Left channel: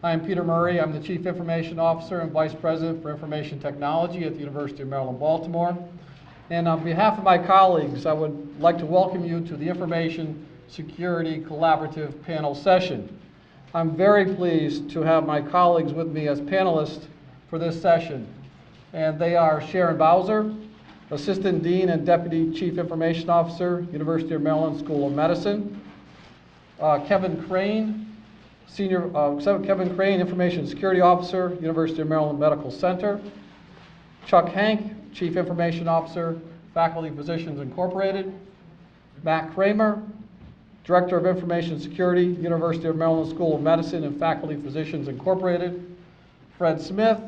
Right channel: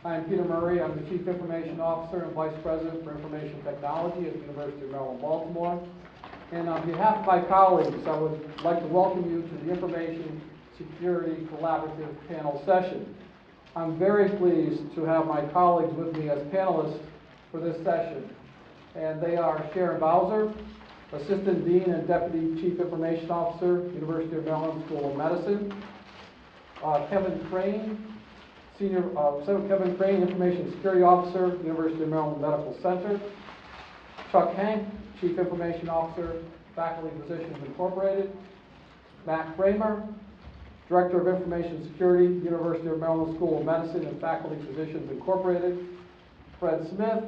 I'm Peter Murray. I'm the Chief Information Officer and Vice President for Information Technology at the University of Maryland, Baltimore. And on behalf of my colleagues, I would like to welcome you to the Information Security Collaborative panel session. I'm very pleased to have my colleagues with me as panelists for this session. And they are Sharon Bowser, Assistant Dean and Deputy Chief Information Officer, University of Maryland School of Medicine. Kevin Crane, Kevin Crane, Information Security Officer, University of Maryland Medical Center. Chuck Hank, Chief Information Officer, Faculty Physicians Incorporated. Matt Kramer, Director of Information Security, University of Maryland School of Medicine and Faculty Physicians Incorporated. Fred Smith,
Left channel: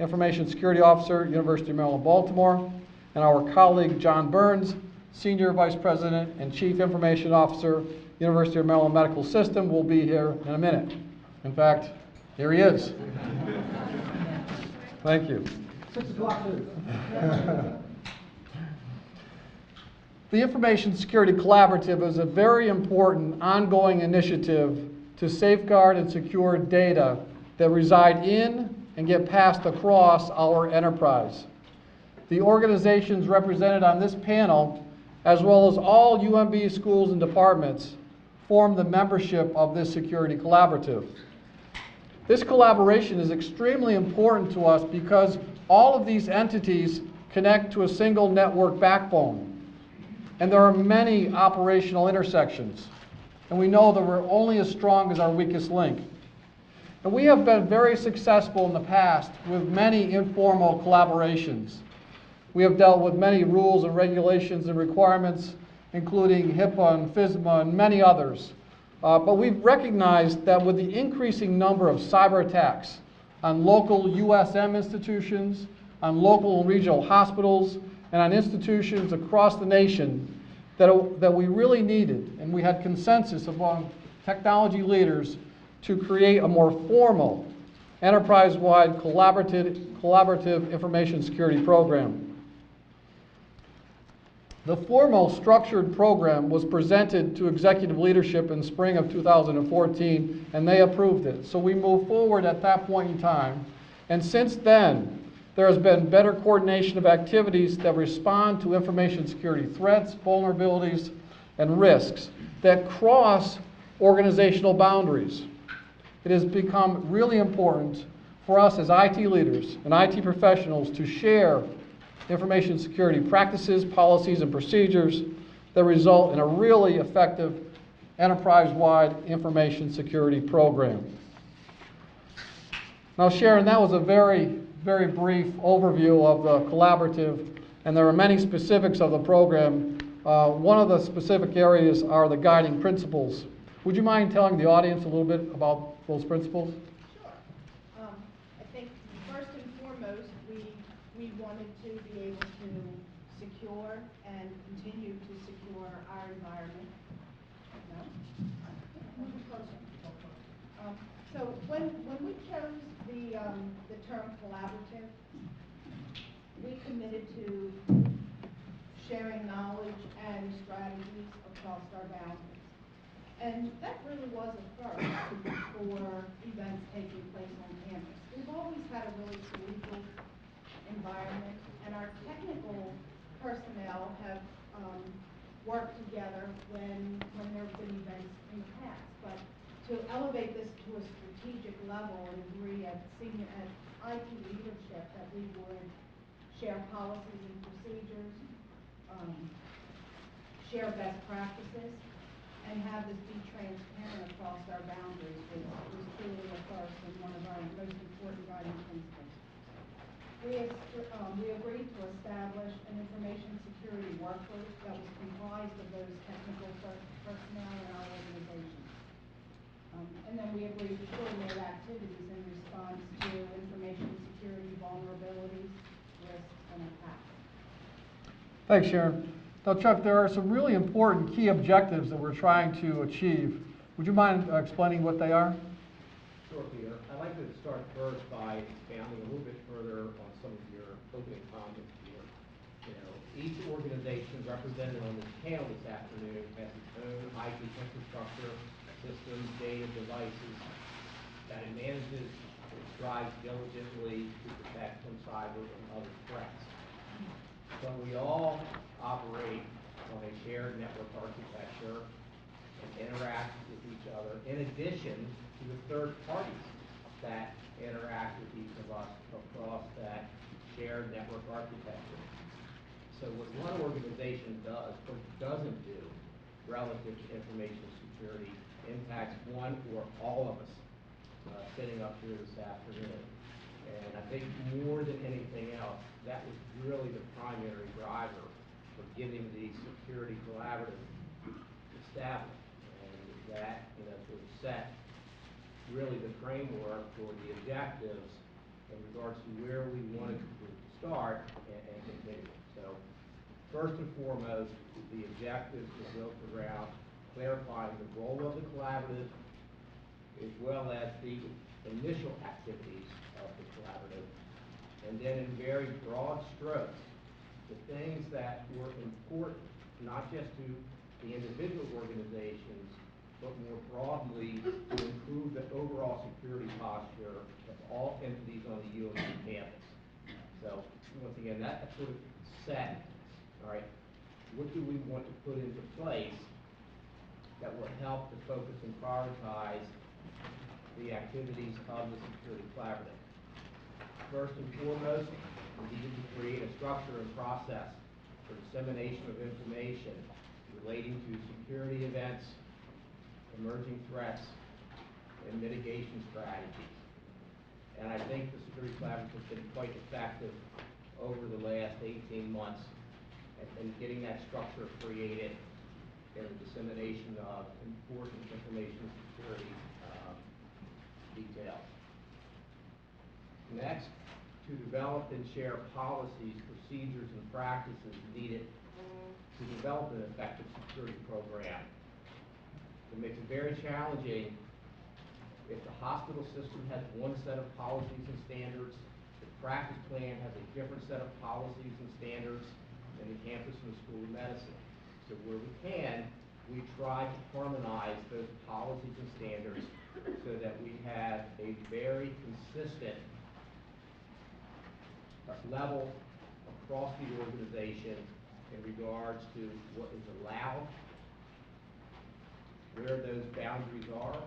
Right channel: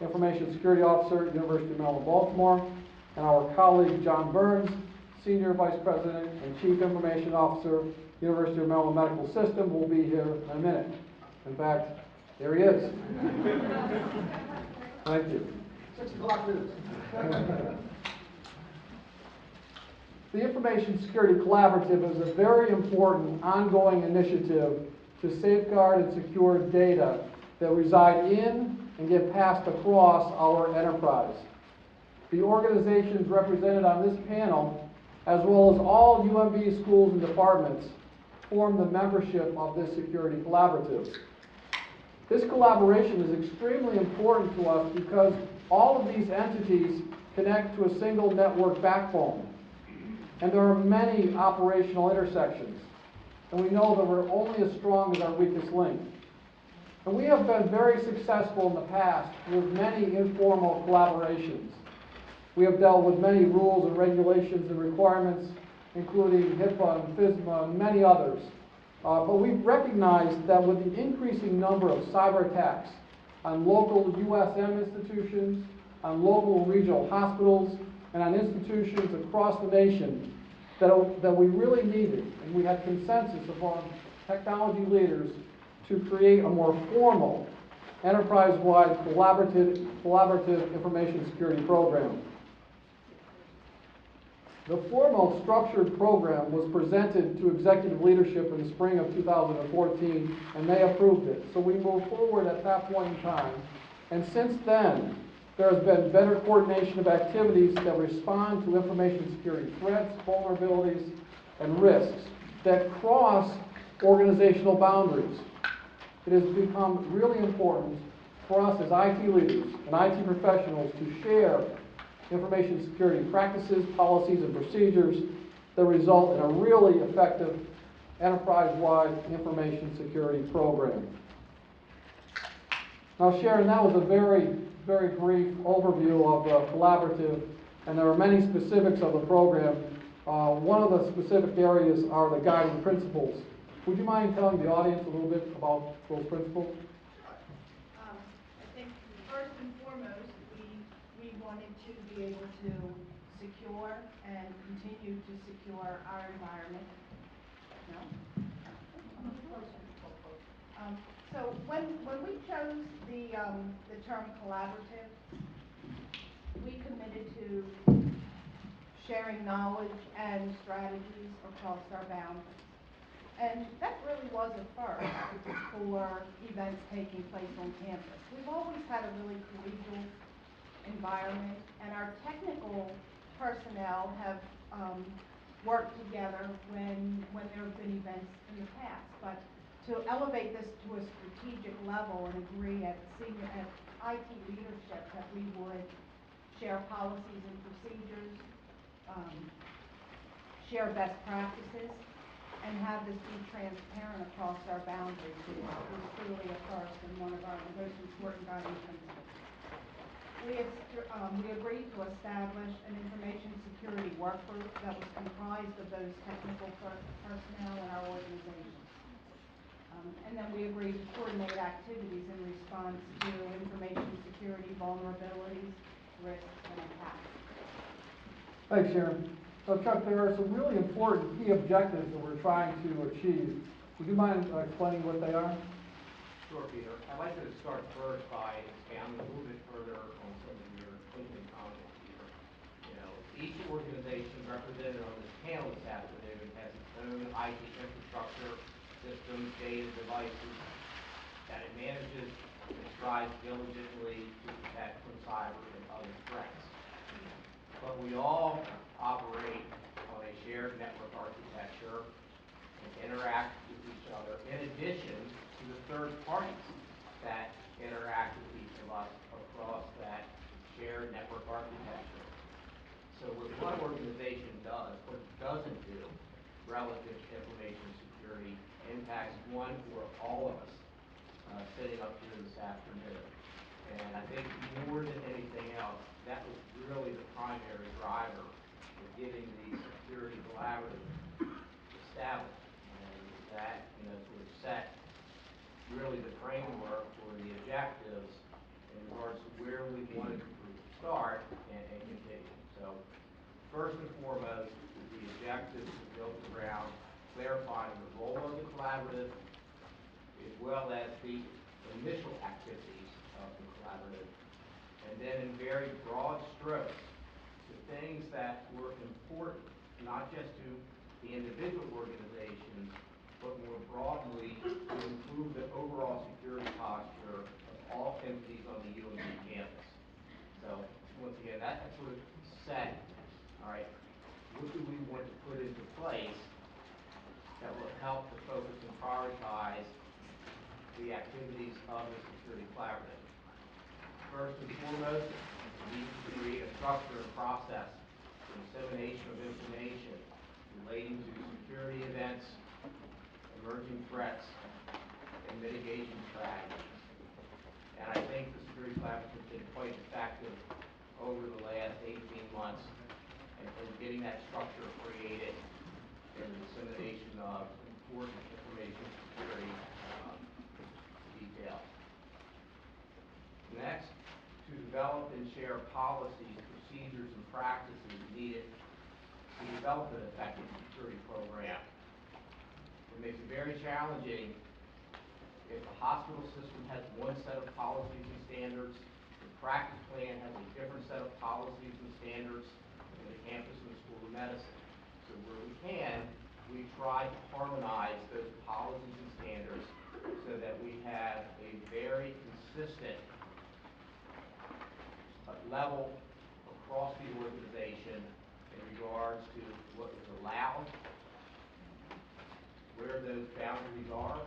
Information Security Officer, University of Maryland, Baltimore. And our colleague John Burns, Senior Vice President and Chief Information Officer, University of Maryland Medical System, will be here in a minute. In fact, here he is. Thank you. 6 o'clock news. The Information Security Collaborative is a very important ongoing initiative to safeguard and secure data that reside in and get passed across our enterprise. The organizations represented on this panel, as well as all UMB schools and departments, form the membership of this security collaborative. This collaboration is extremely important to us because all of these entities connect to a single network backbone. And there are many operational intersections. And we know that we're only as strong as our weakest link. And we have been very successful in the past with many informal collaborations. We have dealt with many rules and regulations and requirements, including HIPAA and FISMA and many others. But we've recognized that with the increasing number of cyber attacks on local USM institutions, on local and regional hospitals, and on institutions across the nation, that we really needed, and we had consensus among technology leaders to create a more formal, enterprise-wide collaborative information security program. The formal structured program was presented to executive leadership in spring of 2014, and they approved it. So we moved forward at that point in time. And since then, there has been better coordination of activities that respond to information security threats, vulnerabilities, and risks that cross organizational boundaries. It has become really important for us as IT leaders and IT professionals to share information security practices, policies, and procedures that result in a really effective enterprise-wide information security program. Now, Sharon, that was a very brief overview of the collaborative, and there are many specifics of the program. One of the specific areas are the guiding principles. Would you mind telling the audience a little bit about those principles? I think first and foremost, we wanted to be able to secure and continue to secure our environment. No? So when we chose the term collaborative, we committed to sharing knowledge and strategies across our boundaries. And that really was a first for events taking place on campus. We've always had a really collegial environment, and our technical personnel have worked together when there have been events in the past. But to elevate this to a strategic level and agree at IT leadership that we would share policies and procedures, share best practices, and have this be transparent across our boundaries was clearly a first and one of our most important guiding principles. We agreed to establish an information security work group that was comprised of those technical personnel in our organization. And then we agreed to coordinate activities in response to information security vulnerabilities, risks, and attacks. Thanks, Sharon. So Chuck, there are some really important key objectives that we're trying to achieve. Would you mind explaining what they are? Sure, Peter. I'd like to start first by expanding a little bit further on some of your opening comments here. You know, each organization represented on this panel this afternoon has its own IT infrastructure, systems, data, devices that it manages strives diligently to protect from cyber and other threats. But we all operate on a shared network architecture and interact with each other, in addition to the third parties that interact with each of us across that shared network architecture. So what one organization does or doesn't do relative to information security impacts one or all of us sitting up here this afternoon. And I think more than anything else, that was really the primary driver for getting the security collaborative established. And that, sort of set really the framework for the objectives in regards to where we wanted to start and continue. So first and foremost, the objectives are built around clarifying the role of the collaborative as well as the initial activities of the collaborative. And then in very broad strokes, the things that were important, not just to the individual organizations, but more broadly to improve the overall security posture of all entities on the UNC campus. So once again, that sort of set, all right, what do we want to put into place that will help to focus and prioritize the activities of the security collaborative. First and foremost, we needed to create a structure and process for dissemination of information relating to security events, emerging threats, and mitigation strategies. And I think the security collaborative has been quite effective over the last 18 months in getting that structure created for the dissemination of important information security details. Next, to develop and share policies, procedures, and practices needed to develop an effective security program. It makes it very challenging if the hospital system has one set of policies and standards, the practice plan has a different set of policies and standards than the campus and the School of Medicine. So where we can, we try to harmonize those policies and standards so that we have a very consistent level across the organization in regards to what is allowed, where those boundaries are,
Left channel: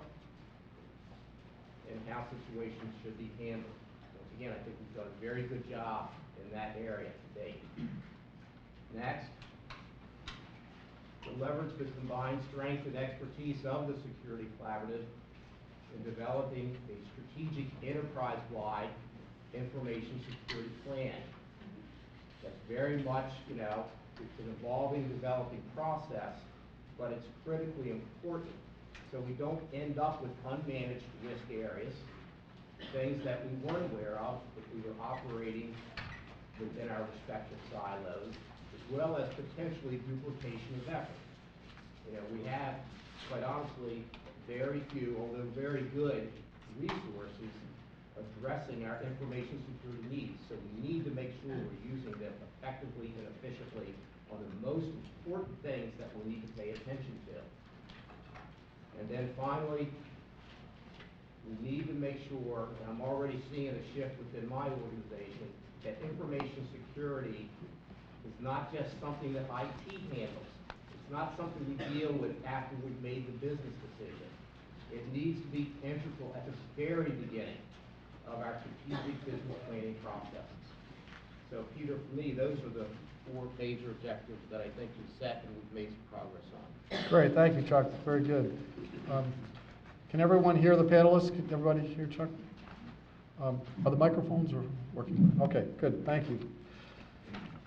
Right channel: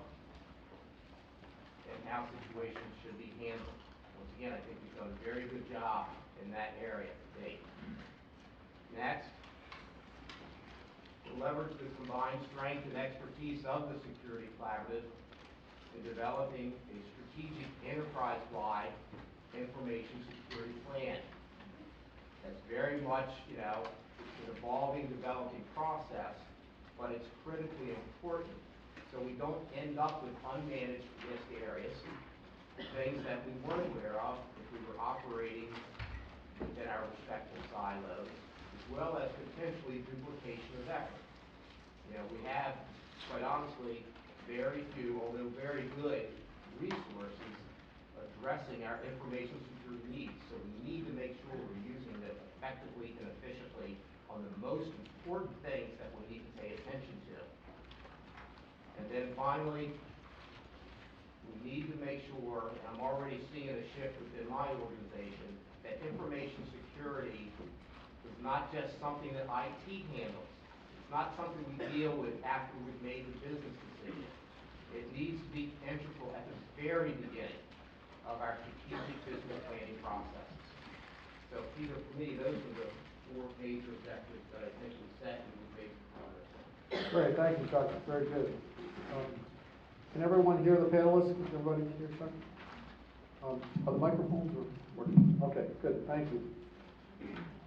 and how situations should be handled. Once again, I think we've done a very good job in that area to date. Next, to leverage the combined strength and expertise of the security collaborative in developing a strategic enterprise-wide information security plan. That's very much, it's an evolving, developing process, but it's critically important so we don't end up with unmanaged risk areas, things that we weren't aware of if we were operating within our respective silos, as well as potentially duplication of effort. We have, quite honestly, very few, although very good, resources addressing our information security needs. So we need to make sure we're using them effectively and efficiently on the most important things that we need to pay attention to. And then finally, we need to make sure, and I'm already seeing a shift within my organization, that information security is not just something that IT handles. It's not something we deal with after we've made the business decision. It needs to be integral at the very beginning of our strategic business planning processes. So Peter, for me, those are the 4 major objectives that I think we've set and we've made some progress on. Great, thank you, Chuck. Very good. Can everyone hear the panelists? Can everybody hear Chuck? Are the microphones working? Okay, good, thank you.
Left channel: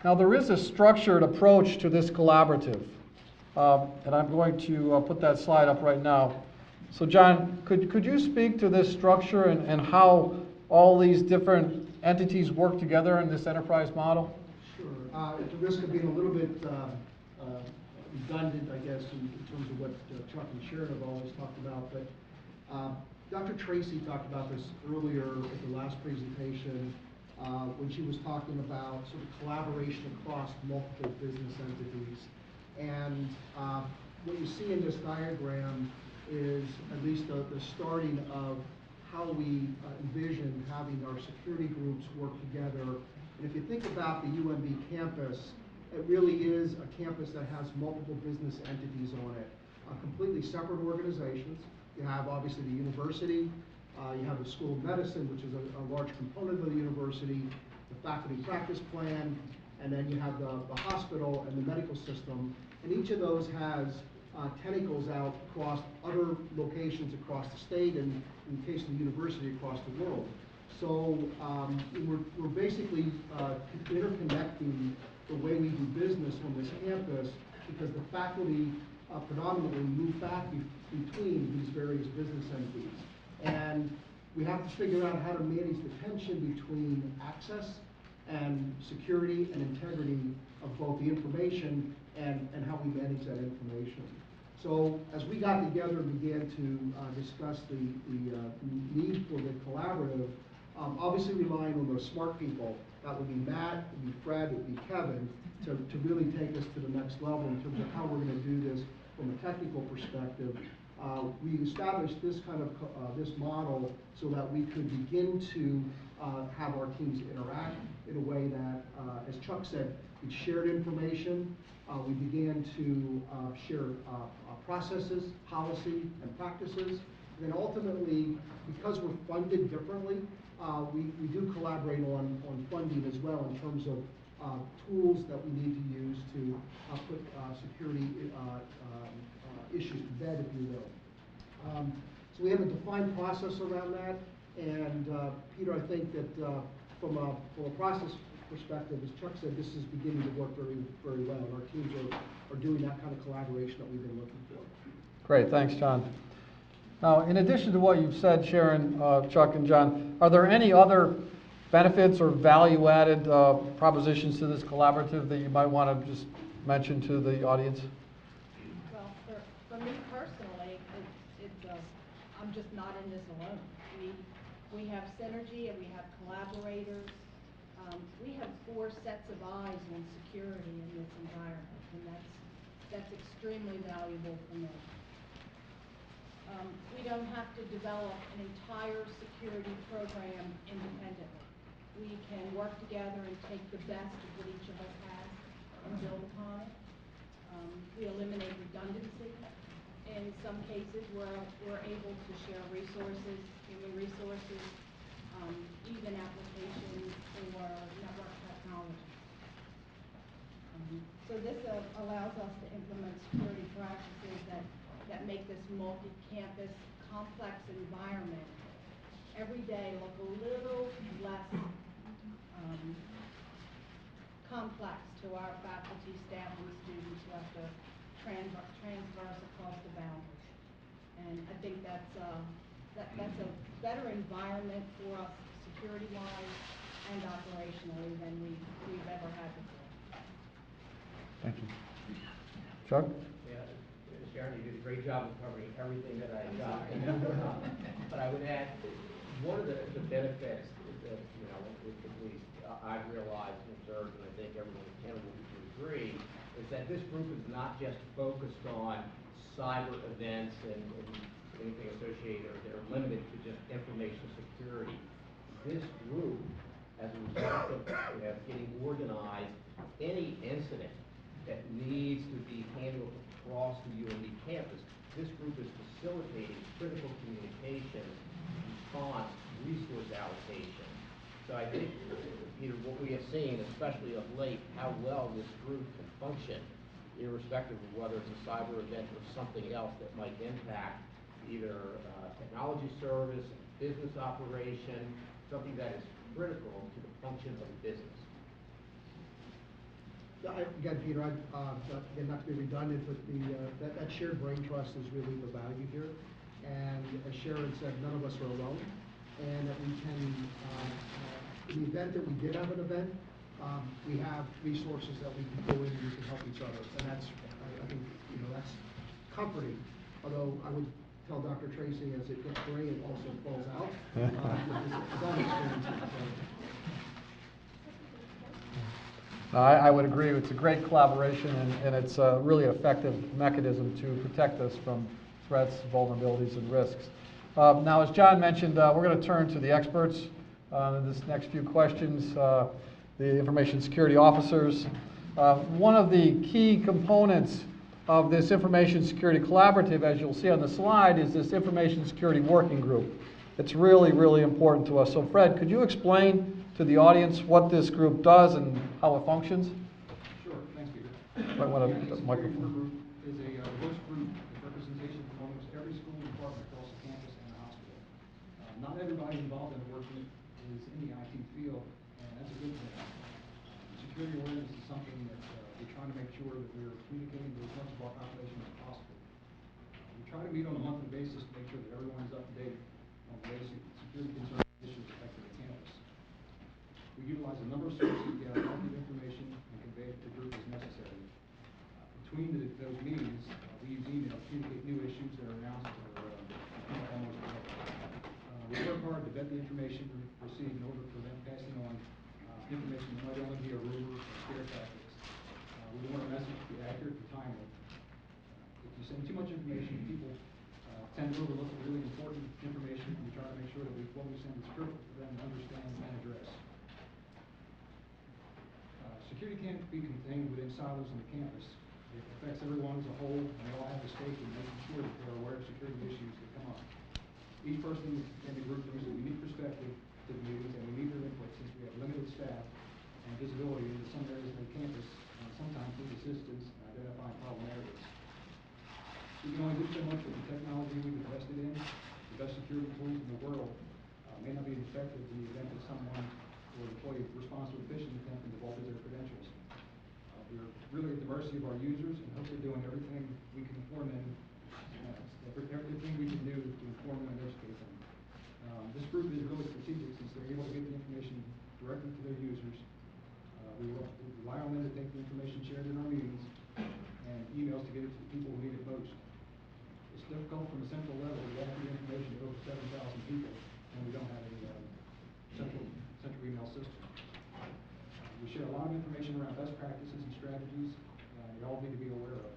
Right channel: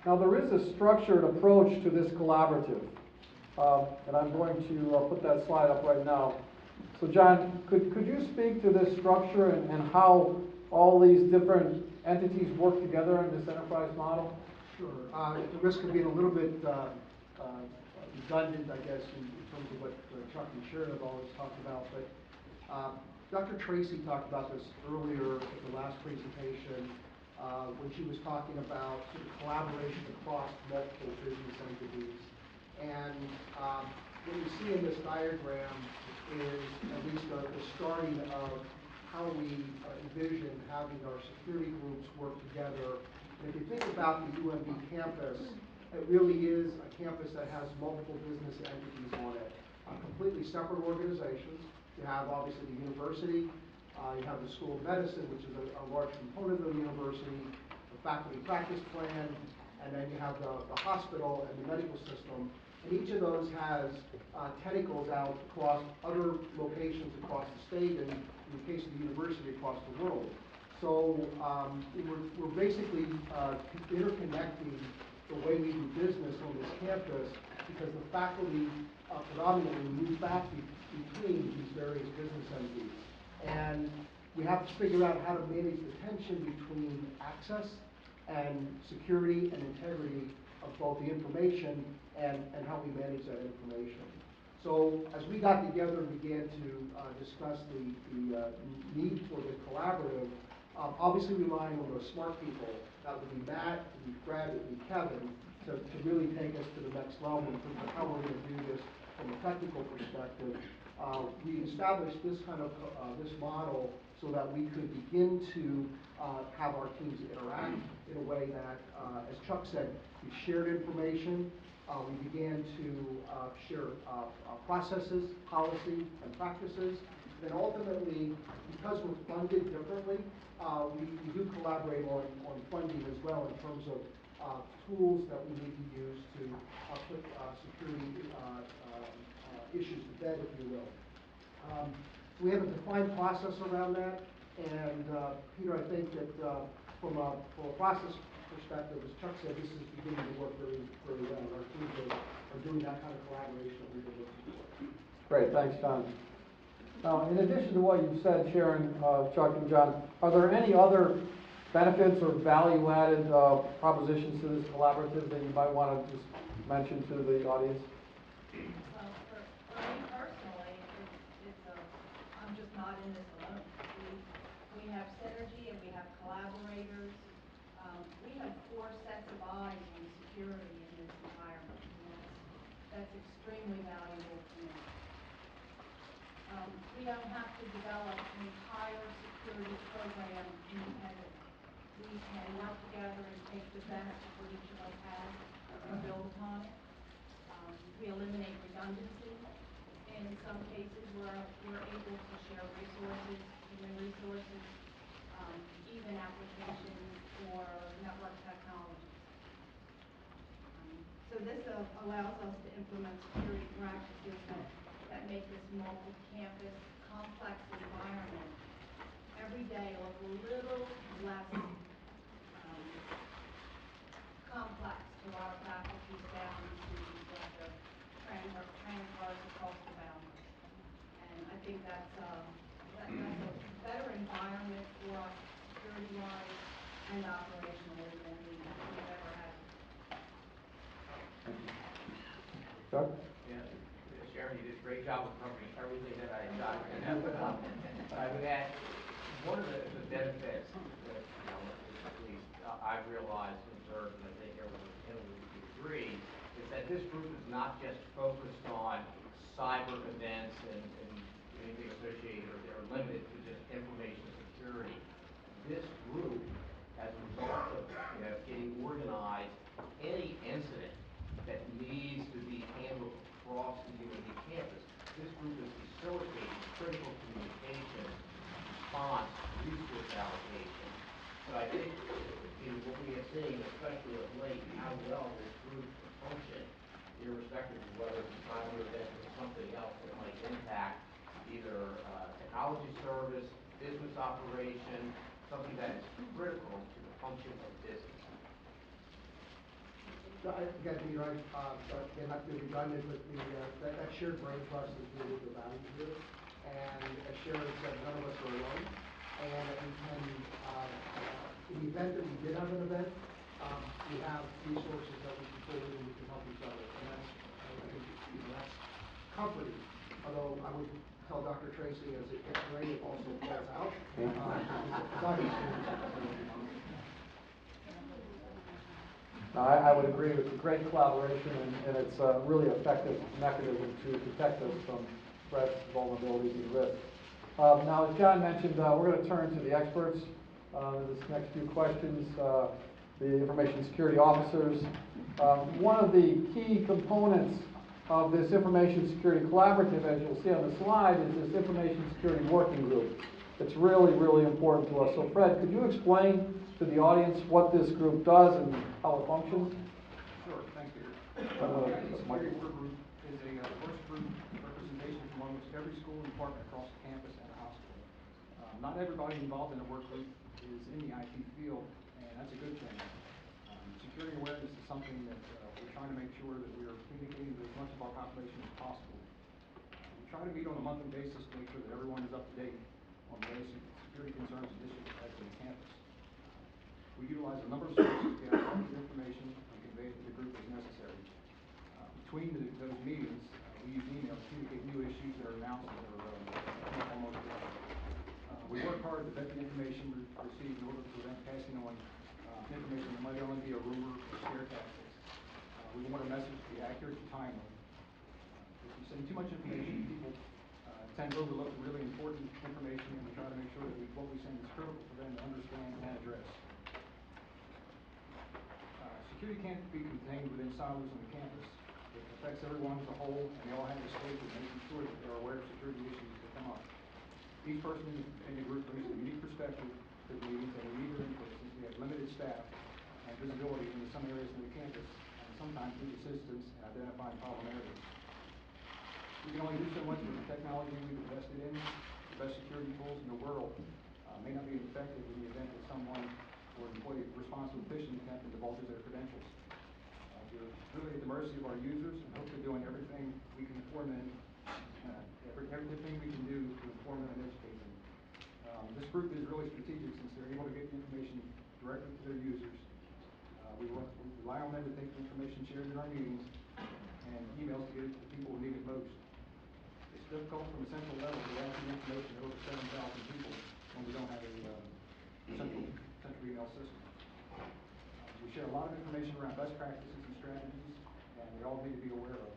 Now there is a structured approach to this collaborative, and I'm going to put that slide up right now. So John, could you speak to this structure and how all these different entities work together in this enterprise model? Sure. At the risk of being a little bit redundant, I guess, in terms of what Chuck and Sharon have always talked about, but Dr. Tracy talked about this earlier in the last presentation when she was talking about sort of collaboration across multiple business entities. And what you see in this diagram is at least the starting of how we envision having our security groups work together. And if you think about the UMB campus, it really is a campus that has multiple business entities on it, completely separate organizations. You have obviously the university, you have the School of Medicine, which is a large component of the university, the faculty practice plan, and then you have the hospital and the medical system. And each of those has tentacles out across other locations across the state, and in the case of the university, across the world. So we're basically interconnecting the way we do business on this campus, because the faculty predominantly move back between these various business entities. And we have to figure out how to manage the tension between access and security and integrity of both the information and how we manage that information. So as we got together and began to discuss the need for the collaborative, obviously relying on those smart people, that would be Matt, it would be Fred, it would be Kevin, to really take us to the next level in terms of how we're going to do this from a technical perspective. We established this kind of this model so that we could begin to have our teams interact in a way that, as Chuck said, we shared information. We began to share processes, policy, and practices. And then ultimately, because we're funded differently, we do collaborate on funding as well in terms of tools that we need to use to put security issues to bed, if you will. So we have a defined process around that, and Peter, I think that from a process perspective, as Chuck said, this is beginning to work very, very well, and our teams are doing that kind of collaboration that we've been looking for. Great, thanks, John. Now, in addition to what you've said, Sharon, Chuck, and John, are there any other benefits or value-added propositions to this collaborative that you might want to just mention to the audience? Well, for me personally, I'm just not in this alone. We have synergy and we have collaborators. We have 4 sets of eyes on security in this environment, and that's extremely valuable for me. We don't have to develop an entire security program independently. We can work together and take the best of what each of us has and build upon it. We eliminate redundancy. In some cases, we're able to share resources, human resources, even applications or network technology. So this allows us to implement security practices that make this multi-campus complex environment every day look a little less complex to our faculty, staff, and students who have to transverse across the boundaries. And I think that's a better environment for us security-wise and operationally than we've ever had before. Thank you. Chuck? Yeah, Sharon, you did a great job of covering everything that I got. But I would add, one of the benefits that, at least I've realized and observed, and I think everyone would agree, is that this group is not just focused on cyber events and anything associated or limited to just information security. This group, as a result of getting organized, any incident that needs to be handled across the UND campus, this group is facilitating critical communication, response, resource allocation. So I think what we have seen, especially of late, how well this group can function, irrespective of whether it's a cyber event or something else that might impact either technology service, business operation, something that is critical to the functions of the business. Again, Peter, again, not to be redundant, but that shared brain trust is really the value here. And as Sharon said, none of us are alone. And we can, in the event that we did have an event, we have resources that we can pull in and we can help each other. And that's, I think, that's comforting. Although I would tell Dr. Tracy, as it gets rain, it also falls out. It's not experienced. I would agree. It's a great collaboration, and it's a really effective mechanism to protect us from threats, vulnerabilities, and risks. Now, as John mentioned, we're going to turn to the experts in this next few questions, the information security officers. One of the key components of this information security collaborative, as you'll see on the slide, is this information security working group. It's really, really important to us. So Fred, could you explain to the audience what this group does and how it functions? Sure, thanks, Peter. Might wanna put the Security microphone. Work Group is a diverse group of representation from almost every school and department across the campus and the hospital. Not everybody involved in a work group is in the IT field, and that's a good thing. Security awareness is something that we're trying to make sure that we're communicating with as much of our population as possible. We try to meet on a monthly basis to make sure that everyone is up to date on the latest security concerns and issues affecting the campus. We utilize a number of sources to gather all the information and convey it to the group as necessary. Between those meetings, we use email to communicate new issues that are announced or almost we work hard to vet the information received in order to prevent passing on information that might only be a rumor or scare tactics. We want a message to be accurate and timely. If you send too much information, people tend to overlook really important information, and we try to make sure that what we send is critical for them to understand and address. Security can't be contained within silos on the campus. It affects everyone as a whole, and we all have a stake in making sure that they're aware of security issues that come up. Each person in the group brings a unique perspective to the meetings, and we need their input since we have limited staff and visibility into some areas of the campus, and sometimes need assistance in identifying problem areas. We can only do so much with the technology we've invested in. The best security tools in the world may not be effective in the event that someone or employee responds to a phishing attempt and divulges their credentials. We're really at the mercy of our users and hope we're doing everything we can for them, everything we can do to inform them and educate them. This group is really strategic since they're able to get the information directly to their users. We rely on them to take the information shared in our meetings and emails to get it to the people who need it most. It's difficult from a central level to get the information to over 7,000 people when we don't have any central email system. We share a lot of information around best practices and strategies, and they all need to be aware of.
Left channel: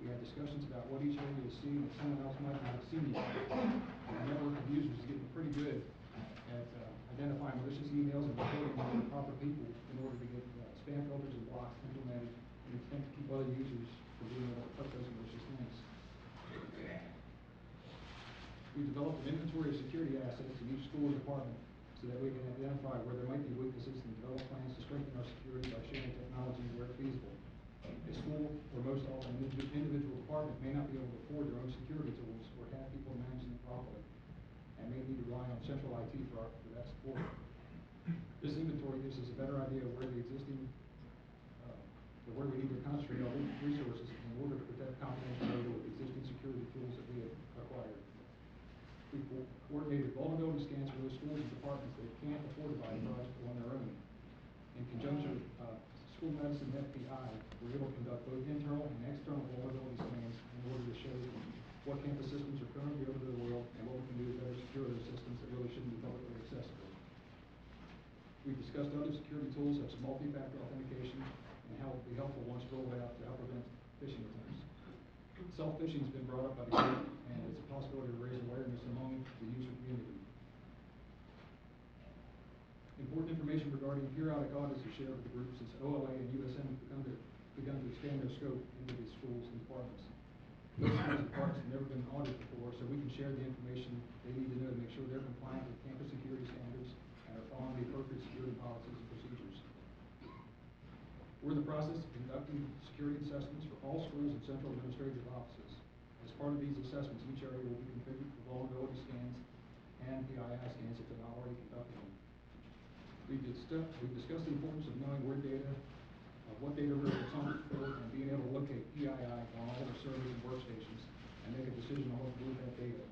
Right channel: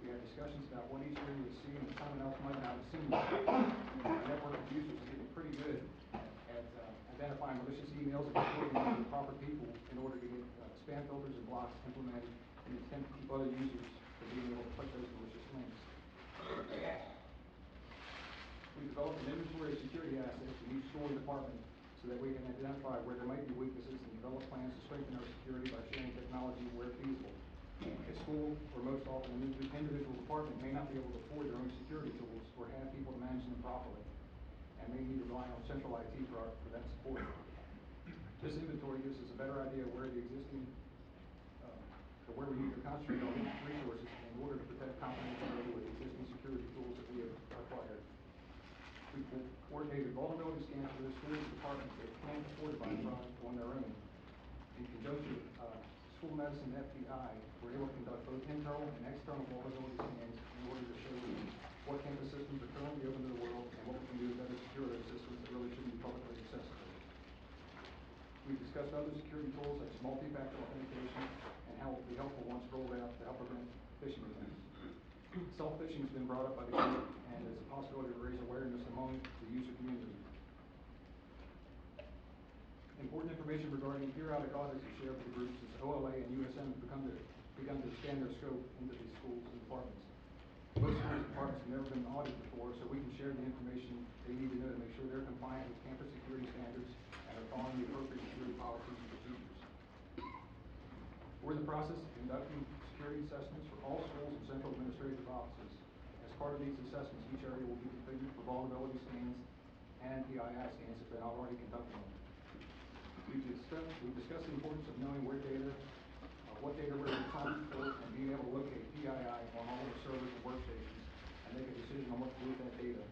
We have discussions about what each area is seeing that someone else might not have seen yet. Our network of users is getting pretty good at identifying malicious emails and forwarding them to the proper people in order to get spam filters and blocks implemented in an attempt to keep other users from being able to click those malicious links. We developed an inventory of security assets in each school and department so that we can identify where there might be weaknesses and develop plans to strengthen our security by sharing technology where feasible. A school, or most often an individual department, may not be able to afford their own security tools or have people to manage them properly, and may need to rely on central IT for that support. This inventory gives us a better idea of where the existing, where we need to concentrate our resources in order to protect confidentiality with existing security tools that we have acquired. We coordinated vulnerability scans with the schools and departments that plan to fortify the project on their own. In conjunction with school medicine and FBI, we're able to conduct both internal and external vulnerability scans in order to show what campus systems are currently open to the world and what we can do to better secure those systems that really shouldn't be publicly accessible. We've discussed other security tools such as multi-factor authentication and how it will be helpful once rolled out to help prevent phishing attempts. Self-phishing has been brought up by the group, and it's a possibility to raise awareness among the user community. Important information regarding periodic audits is shared with the group since OLA and USM have begun to expand their scope into these schools and departments. These schools and departments have never been audited before, so we can share the information they need to know to make sure they're compliant with campus security standards and are following the appropriate security policies and procedures. We're in the process of conducting security assessments for all schools and central administrative offices. As part of these assessments, each area will be configured for vulnerability scans and PII scans if they're not already conducting them. We've discussed the importance of knowing where data, what data we're responsible for, and being able to locate PII on all our servers and workstations and make a decision on what to do with that data.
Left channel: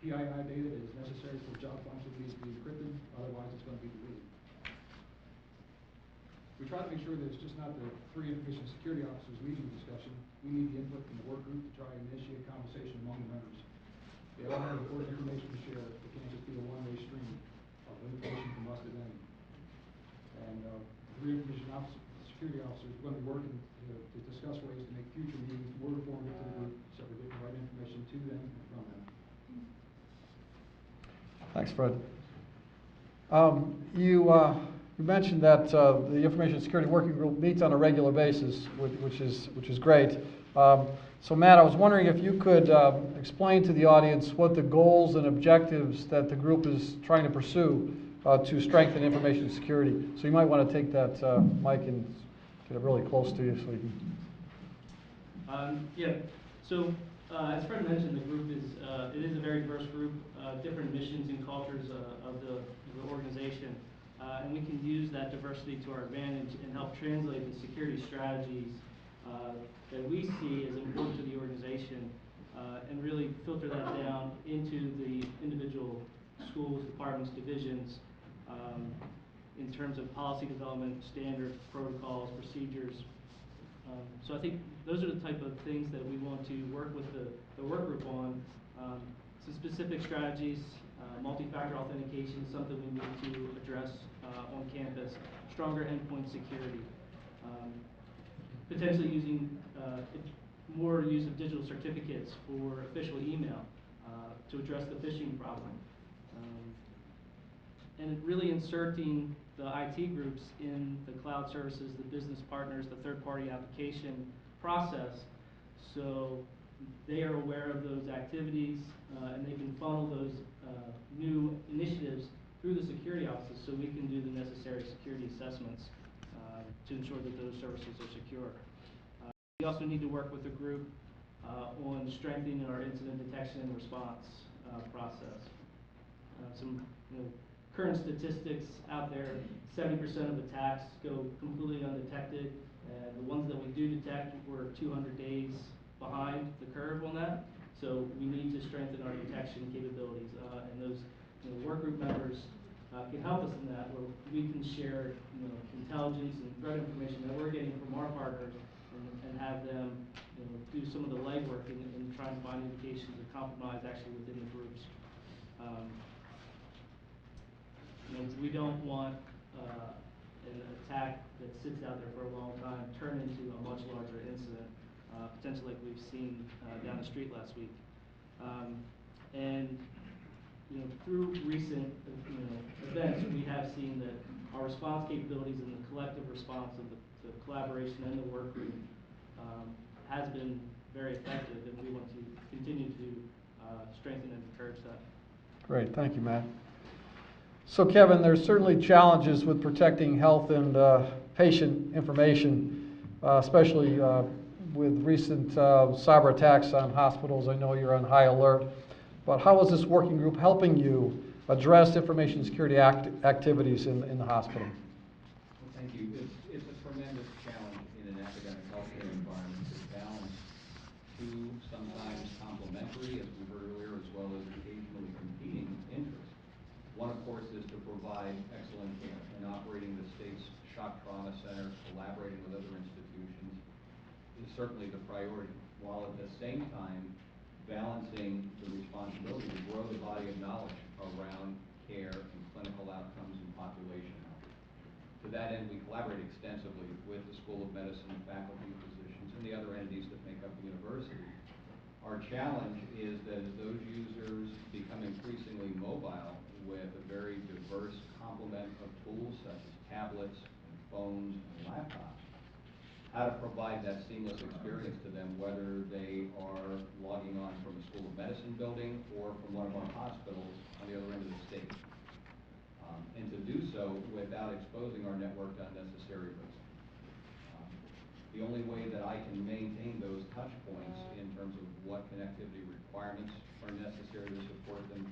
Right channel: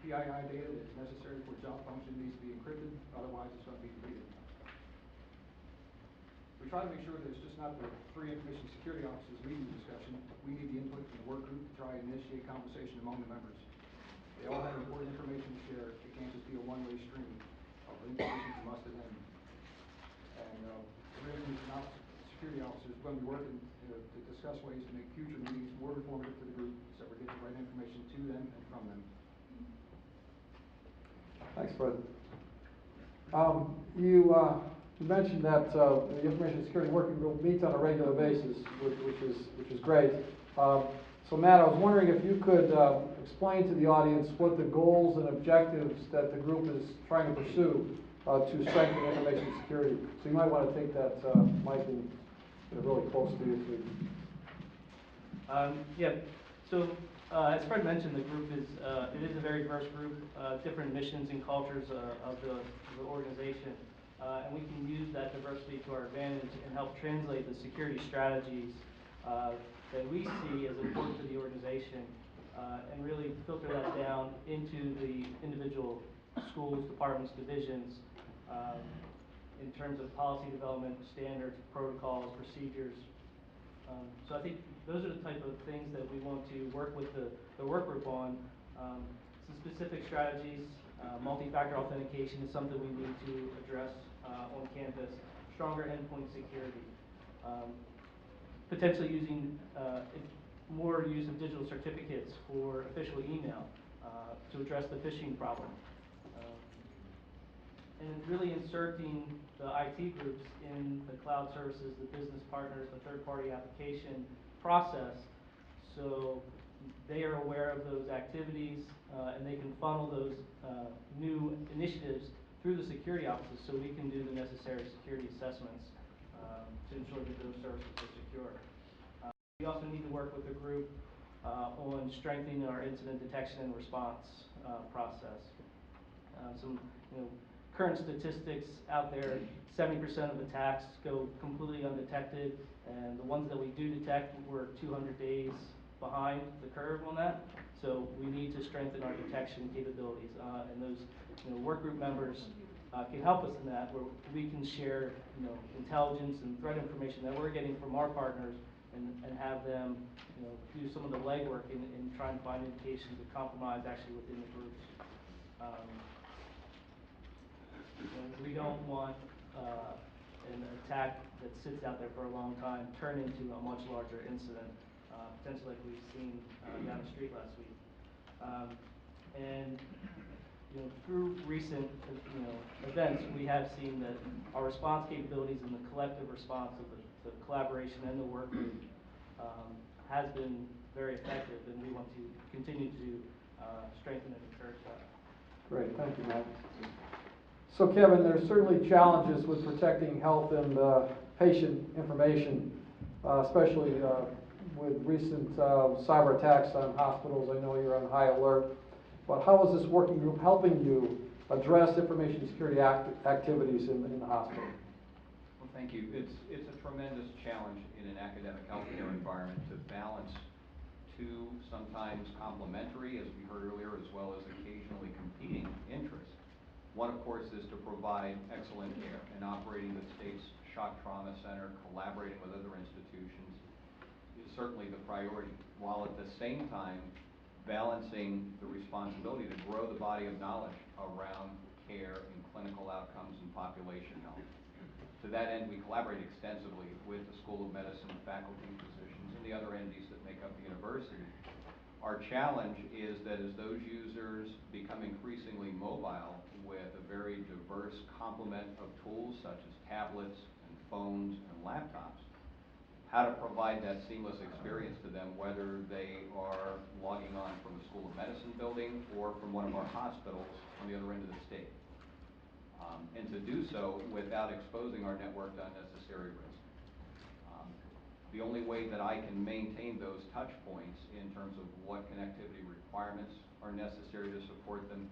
PII data that is necessary for job function needs to be encrypted, otherwise it's going to be deleted. We try to make sure that it's just not the three information security officers leading the discussion. We need the input from the work group to try and initiate conversation among the members. They all have important information to share. It can't just be a one-way stream of information from us to them. And three information security officers are going to be working to discuss ways to make future meetings more informative to the group so we're getting the right information to them and from them. Thanks, Fred. You mentioned that the Information Security Working Group meets on a regular basis, which is great. So Matt, I was wondering if you could explain to the audience what the goals and objectives that the group is trying to pursue to strengthen information security. So you might want to take that mic and get it really close to you so we can. Yeah, so as Fred mentioned, the group is, it is a very diverse group, different missions and cultures of the organization. And we can use that diversity to our advantage and help translate the security strategies that we see as important to the organization and really filter that down into the individual schools, departments, divisions in terms of policy development, standards, protocols, procedures. So I think those are the type of things that we want to work with the work group on. Some specific strategies, multi-factor authentication is something we need to address on campus, stronger endpoint security, potentially using more use of digital certificates for official email to address the phishing problem. And really inserting the IT groups in the cloud services, the business partners, the third-party application process, so they are aware of those activities and they can funnel those new initiatives through the security offices so we can do the necessary security assessments to ensure that those services are secure. We also need to work with the group on strengthening our incident detection and response process. Some current statistics out there, 70% of attacks go completely undetected, and the ones that we do detect, we're 200 days behind the curve on that. So we need to strengthen our detection capabilities, and those work group members can help us in that, where we can share intelligence and threat information that we're getting from our partners, and have them do some of the legwork in trying to find indications of compromise actually within the groups. We don't want an attack that sits out there for a long time turn into a much larger incident, potentially like we've seen down the street last week. And through recent events, we have seen that our response capabilities and the collective response of the collaboration and the work group has been very effective, and we want to continue to strengthen and encourage that. Great, thank you, Matt. So Kevin, there's certainly challenges with protecting health and patient information, especially with recent cyber attacks on hospitals. I know you're on high alert, but how is this working group helping you address information security activities in the hospital? Well, thank you. It's a tremendous challenge in an academic healthcare environment to balance two sometimes complementary, as we heard earlier, as well as occasionally competing interests. One, of course, is to provide excellent care, and operating the state's shock trauma center, collaborating with other institutions, is certainly the priority, while at the same time balancing the responsibility to grow the body of knowledge around care and clinical outcomes and population health. To that end, we collaborate extensively with the School of Medicine, faculty, physicians, and the other entities that make up the university. Our challenge is that as those users become increasingly mobile with a very diverse complement of tools such as tablets and phones and laptops, how to provide that seamless experience to them, whether they are logging on from a School of Medicine building or from one of our hospitals on the other end of the state. And to do so without exposing our network to unnecessary risk. The only way that I can maintain those touch points in terms of what connectivity requirements are necessary to support them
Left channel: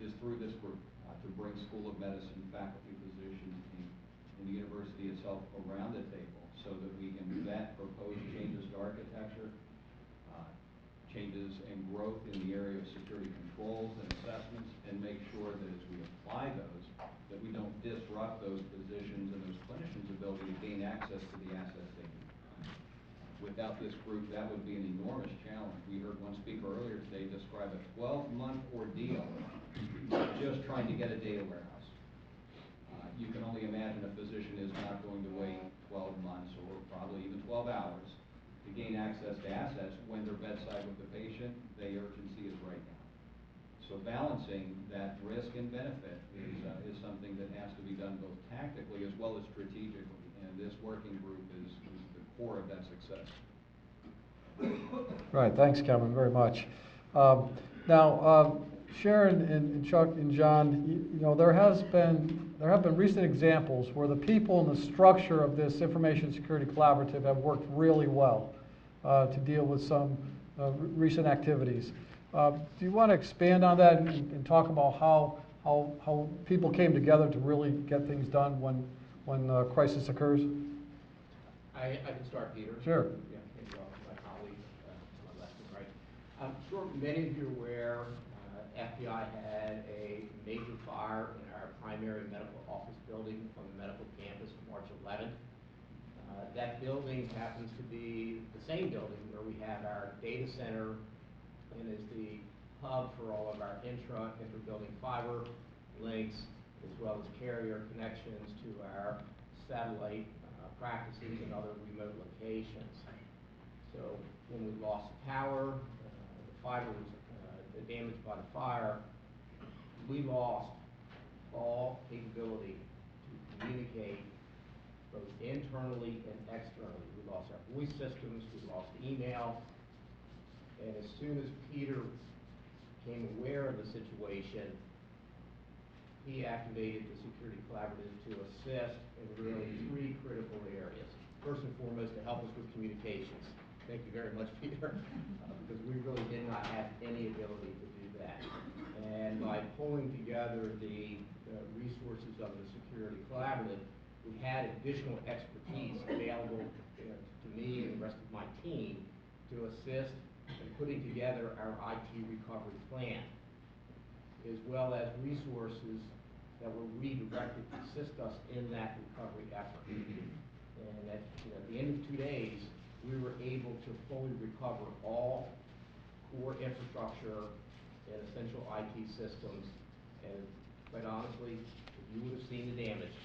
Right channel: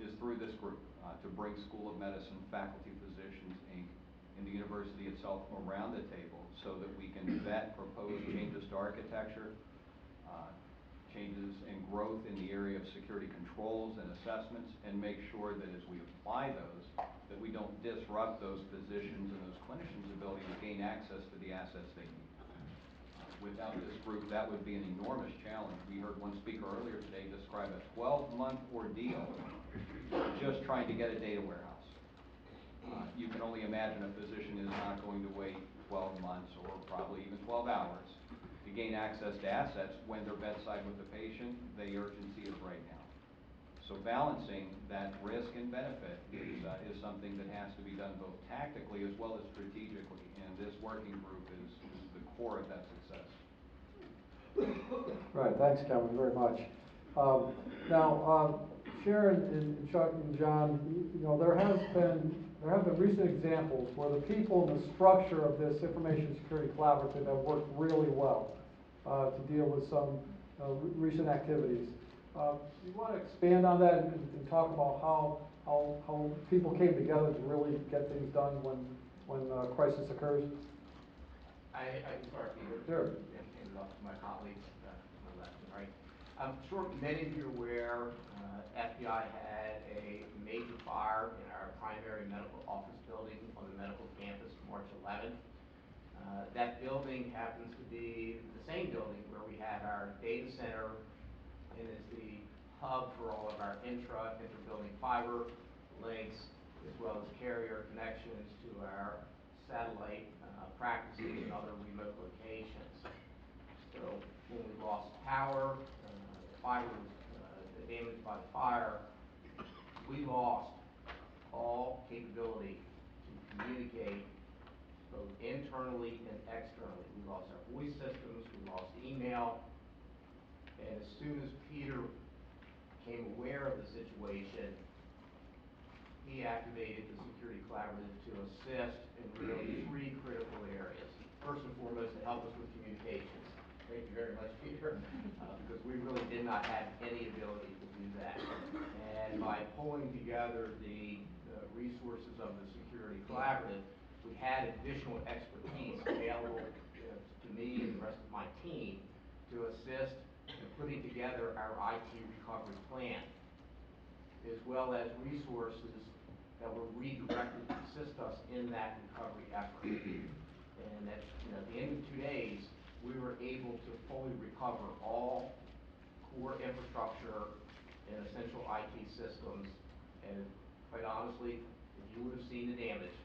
is through this group, to bring School of Medicine, faculty, physicians, and the university itself around the table so that we can vet proposed changes to architecture, changes and growth in the area of security controls and assessments, and make sure that as we apply those, that we don't disrupt those physicians and those clinicians' ability to gain access to the assets they need. Without this group, that would be an enormous challenge. We heard one speaker earlier today describe a 12-month ordeal just trying to get a data warehouse. You can only imagine a physician is not going to wait 12 months or probably even 12 hours to gain access to assets when they're bedside with the patient. The urgency is right now. So So balancing that risk and benefit is something that has to be done both tactically as well as strategically. And this working group is the core of that success. Right, thanks, Cameron, very much. Now, Sharon and Chuck and John, you know, there have been recent examples where the people and the structure of this Information Security Collaborative have worked really well to deal with some recent activities. Do you want to expand on that and talk about how people came together to really get things done when crisis occurs? I can start, Peter. Sure. Yeah, maybe off my colleague to my left and right. I'm sure many of you are aware, FBI had a major fire in our primary medical office building on the medical campus March 11th. That building happens to be the same building where we had our data center and is the hub for all of our inter-building fiber links, as well as carrier connections to our satellite practices and other remote locations. So when we lost power, the fiber was damaged by the fire, we lost all capability to communicate both internally and externally. We lost our voice systems, we lost email, and as soon as Peter became aware of the situation, he activated the Security Collaborative to assist in really 3 critical areas. First and foremost, to help us with communications. Thank you very much, Peter, because we really did not have any ability to do that. And by pulling together the resources of the Security Collaborative, we had additional expertise available to me and the rest of my team to assist in putting together our IT recovery plan, as well as resources that were redirected to assist us in that recovery effort. And at the end of 2 days, we were able to fully recover all core infrastructure and essential IT systems. And quite honestly, if you would have seen the damage,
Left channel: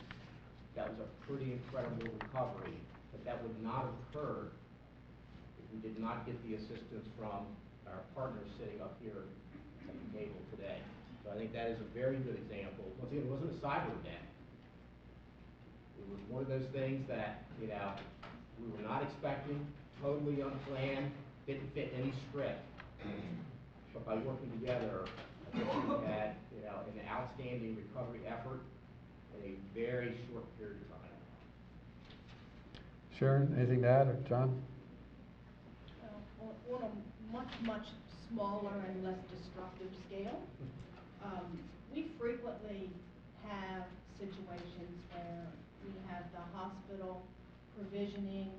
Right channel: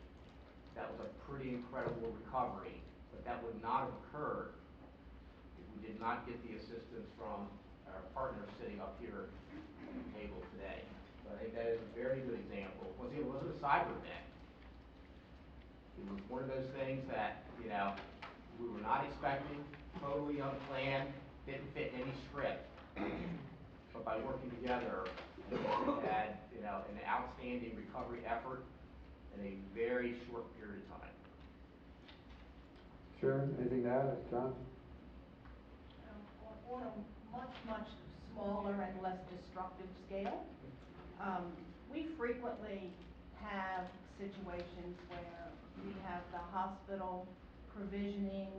that was a pretty incredible recovery. But that would not have occurred if we did not get the assistance from our partners sitting up here at the table today. So I think that is a very good example. Once again, it wasn't a cyber event. It was one of those things that, we were not expecting, totally unplanned, didn't fit any script. But by working together, we had, an outstanding recovery effort in a very short period of time. Sharon, anything to add, or John? On a much, much smaller and less destructive scale, we frequently have situations where we have the hospital provisioning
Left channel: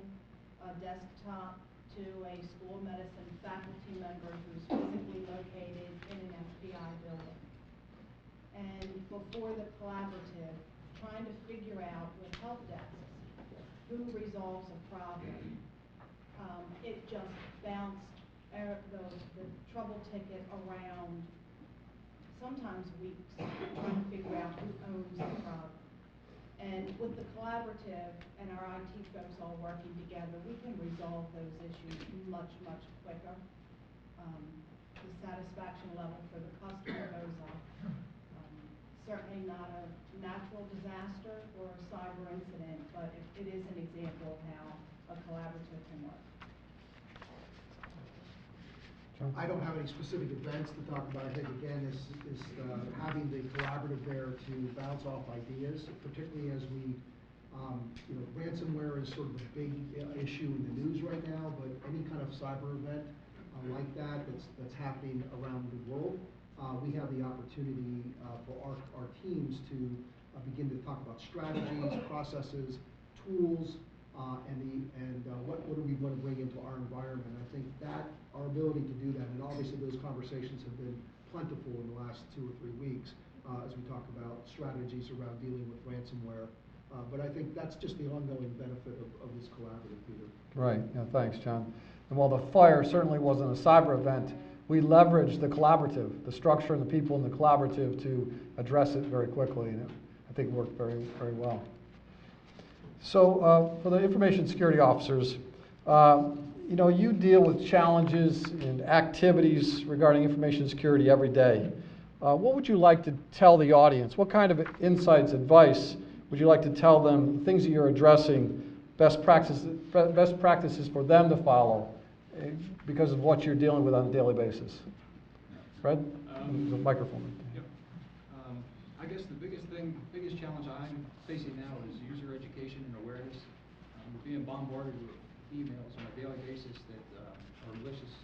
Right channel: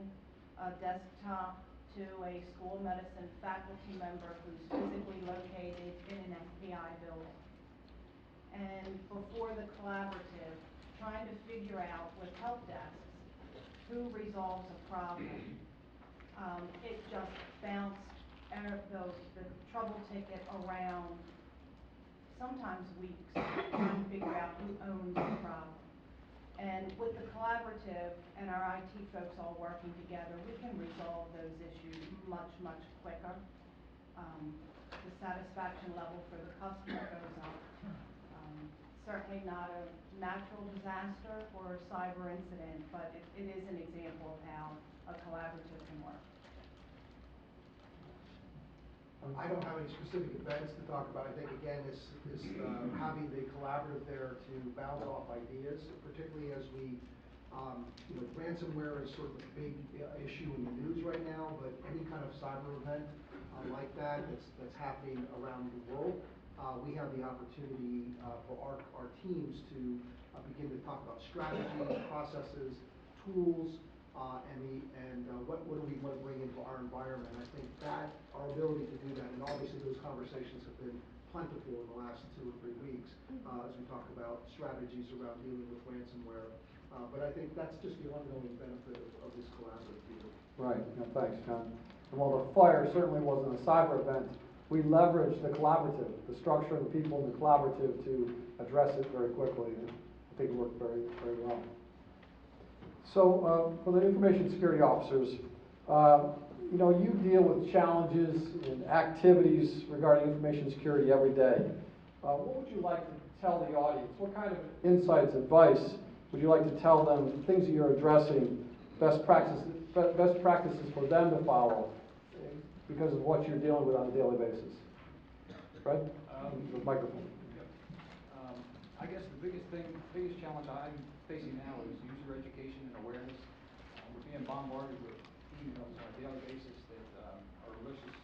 a desktop to a school medicine faculty member who's physically located in an FBI building. And before the collaborative, trying to figure out with help desks who resolves a problem, it just bounced the trouble ticket around sometimes weeks, trying to figure out who owns the problem. And with the collaborative and our IT folks all working together, we can resolve those issues much, much quicker. The satisfaction level for the customer goes up. Certainly not a natural disaster or a cyber incident, but it is an example of how a collaborative can work. I don't have any specific events to talk about. I think, again, is having the collaborative there to bounce off ideas, particularly as we, ransomware is sort of a big issue in the news right now, but any kind of cyber event like that's happening around the world, we have the opportunity for our teams to begin to talk about strategies, processes, tools, and what do we want to bring into our environment. I think that our ability to do that, and obviously those conversations have been plentiful in the last 2 or 3 weeks as we talk about strategies around dealing with ransomware. But I think that's just the ongoing benefit of this collaborative, Peter. Right, thanks, John. And while the fire certainly wasn't a cyber event, we leveraged the collaborative, the structure and the people in the collaborative to address it very quickly, and I think it worked very, very well. So for the information security officers, you deal with challenges and activities regarding information security every day. what would you like to tell the audience? What kind of insights, advice would you like to tell them, things that you're addressing, best practices for them to follow because of what you're dealing with on a daily basis? Fred? The microphone. Yep. I guess the biggest challenge I'm facing now is user education and awareness. We're being bombarded with emails on a daily basis that are malicious,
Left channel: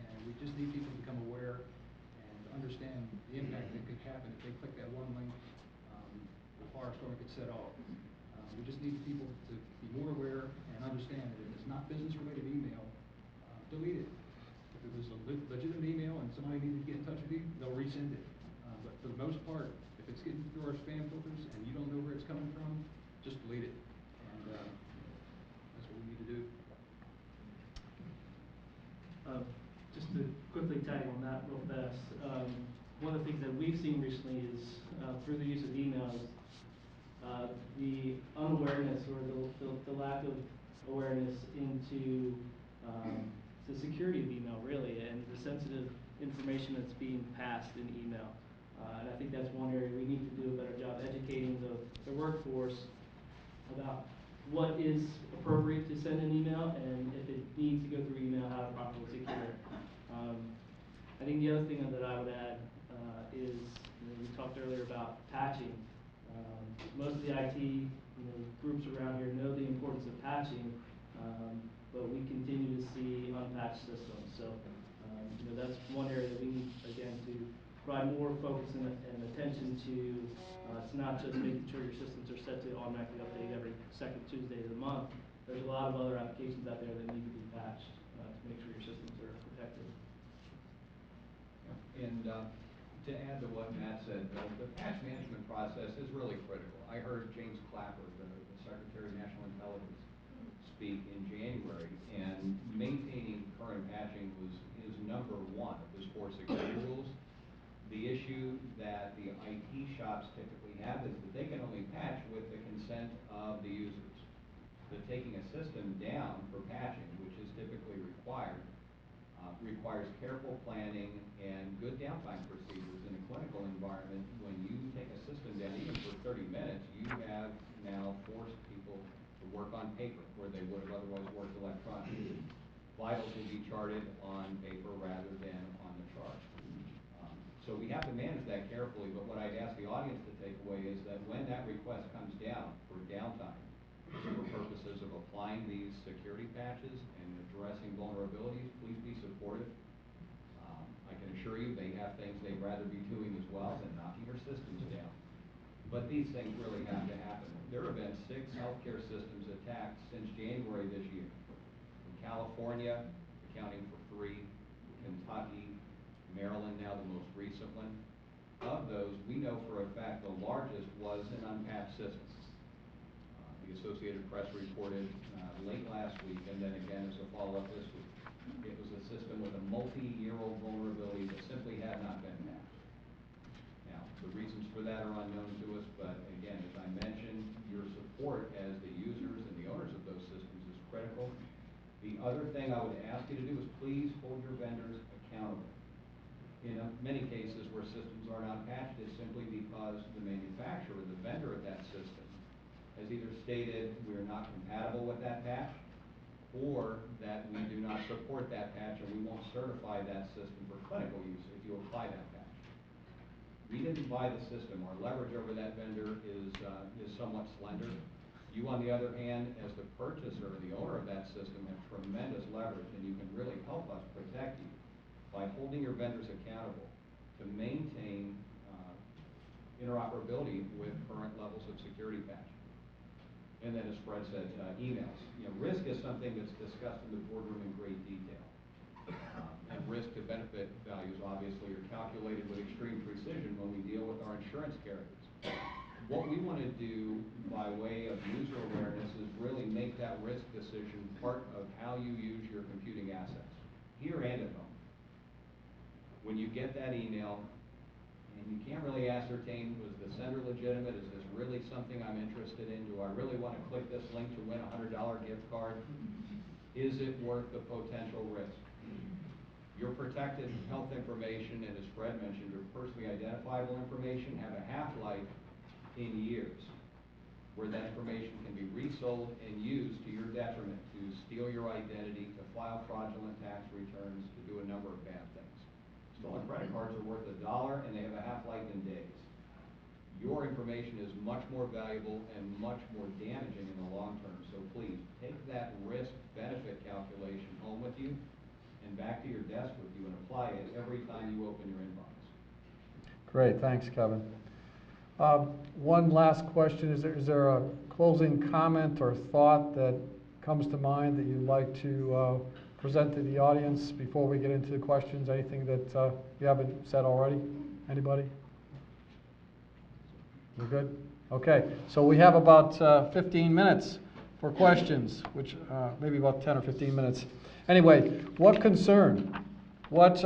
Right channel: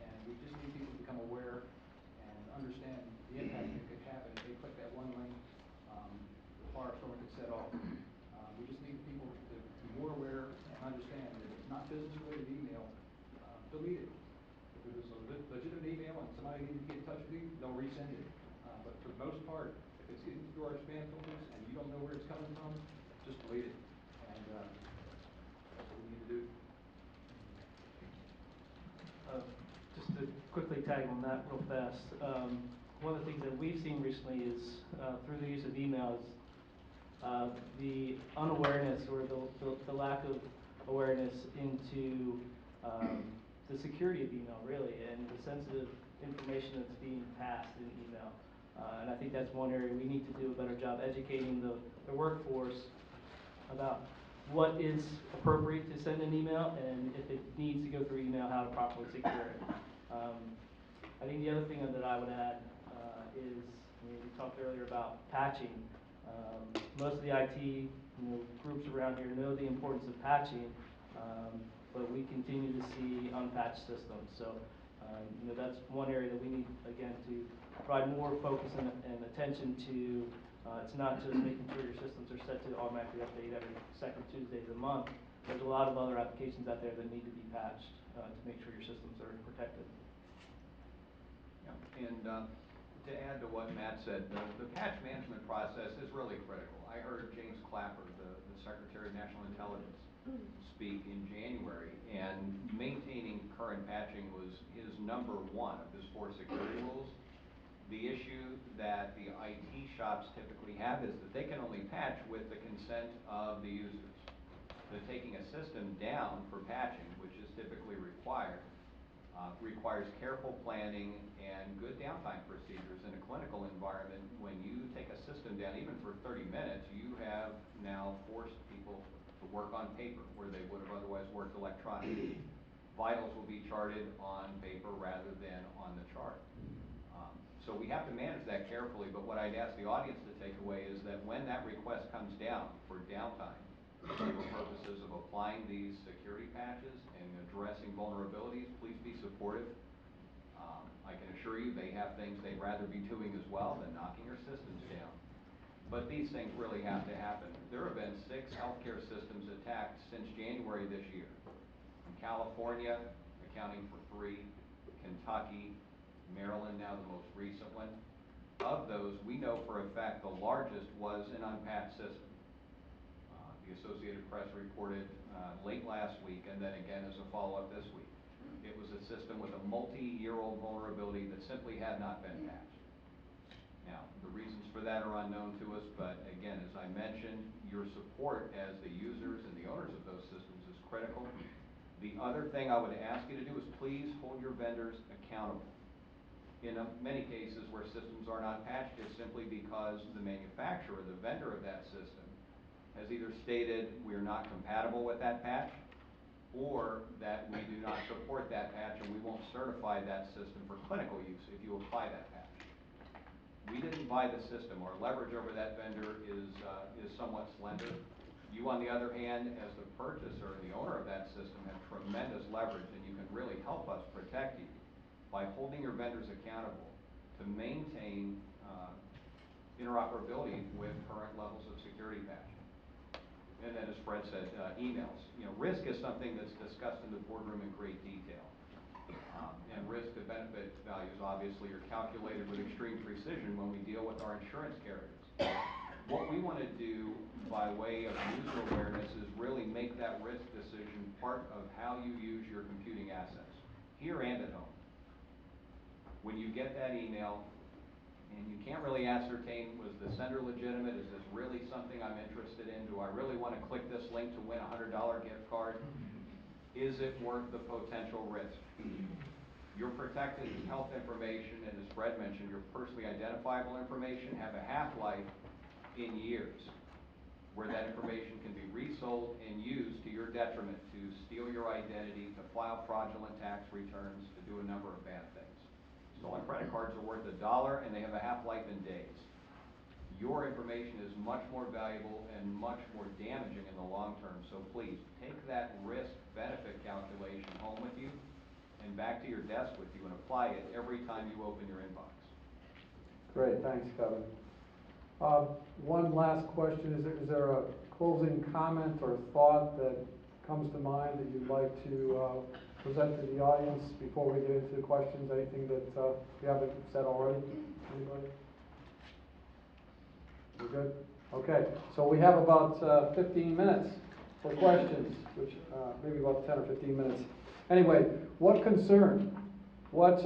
and we just need people to become aware and understand the impact that could happen if they click that one link. The firestorm could set off. We just need people to be more aware and understand that if it's not business-related email, delete it. If it's a legitimate email and somebody needs to get in touch with you, they'll resend it. But for the most part, if it's getting through our spam filters and you don't know where it's coming from, just delete it. And that's what we need to do. Just to quickly tag on that real fast, one of the things that we've seen recently is through the use of emails, the unawareness or the lack of awareness into the security of email, really, and the sensitive information that's being passed in email. And I think that's one area we need to do a better job educating the workforce about what is appropriate to send an email, and if it needs to go through email, how to properly secure it. I think the other thing that I would add is, we talked earlier about patching. Most of the IT groups around here know the importance of patching, but we continue to see unpatched systems. So, that's one area that we need, again, to provide more focus and attention to. It's not just making sure your systems are set to automatically update every second Tuesday of the month. There's a lot of other applications out there that need to be patched to make sure your systems are protected. Yeah. And to add to what Matt said, the patch management process is really critical. I heard James Clapper, the Secretary of National Intelligence, speak in January, and maintaining current patching was his number one of his 4 security rules. The issue that the IT shops typically have is that they can only patch with the consent of the users. That taking a system down for patching, which is typically required, requires careful planning and good downtime procedures in a clinical environment. When you take a system down, even for 30 minutes, you have now forced people to work on paper where they would have otherwise worked electronically. Vitals will be charted on paper rather than on the chart. So we have to manage that carefully, but what I'd ask the audience to take away is that when that request comes down for downtime, for purposes of applying these security patches and addressing vulnerabilities, please be supportive. I can assure you they have things they'd rather be doing as well than knocking your systems down. But these things really have to happen. There have been 6 healthcare systems attacked since January this year. California, accounting for 3, Kentucky, Maryland, now the most recent one. Of those, we know for a fact the largest was an unpatched system. The Associated Press reported late last week, and then again as a follow-up this week. It was a system with a multi-year-old vulnerability that simply had not been patched. Now, the reasons for that are unknown to us, but again, as I mentioned, your support as the users and the owners of those systems is critical. The other thing I would ask you to do is please hold your vendors accountable. In many cases where systems are not patched, it's simply because the manufacturer, the vendor of that system, has either stated we are not compatible with that patch, or that we do not support that patch and we won't certify that system for clinical use if you apply that patch. We didn't buy the system. Our leverage over that vendor is somewhat slender. You, on the other hand, as the purchaser and the owner of that system, have tremendous leverage, and you can really help us protect you by holding your vendors accountable to maintain interoperability with current levels of security patching. And then, as Fred said, emails. Risk is something that's discussed in the boardroom in great detail. And risk to benefit values obviously are calculated with extreme precision when we deal with our insurance carriers. What we want to do by way of user awareness is really make that risk decision part of how you use your computing assets, here and at home. When you get that email and you can't really ascertain, was the sender legitimate? Is this really something I'm interested in? Do I really want to click this link to win a $100 gift card? Is it worth the potential risk? Your protected health information, and as Fred mentioned, your personally identifiable information have a half-life in years, where that information can be resold and used to your detriment, to steal your identity, to file fraudulent tax returns, to do a number of bad things. Stolen credit cards are worth $1 and they have a half-life in days. Your information is much more valuable and much more damaging in the long term. So please, take that risk-benefit calculation home with you and back to your desk with you and apply it every time you open your inbox. Great, thanks, Kevin. One last question, is there a closing comment or thought that comes to mind that you'd like to present to the audience before we get into questions? Anything that you haven't said already? Anybody? You're good? Okay, so we have about 15 minutes for questions, which maybe about 10 or 15 minutes. Anyway, what concern, what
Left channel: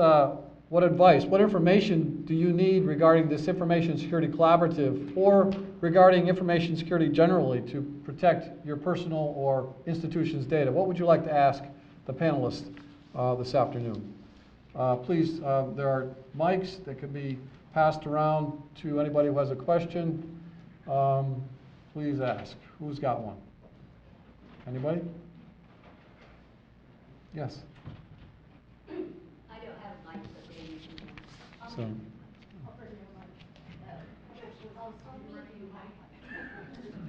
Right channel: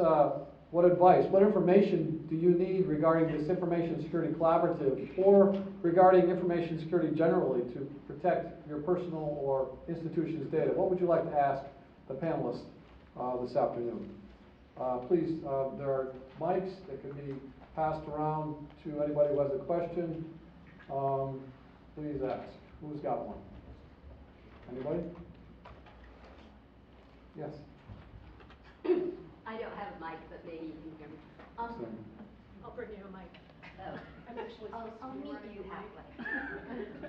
advice, what information do you need regarding this Information Security Collaborative or regarding information security generally to protect your personal or institution's data? What would you like to ask the panelists this afternoon? Please, there are mics that can be passed around to anybody who has a question. Please ask. Who's got one? Anybody? Yes. I don't have a mic, but maybe you can hear me. So, I'll bring you a mic. Oh. I'm actually supposed to I'll be meet running you the mic. halfway.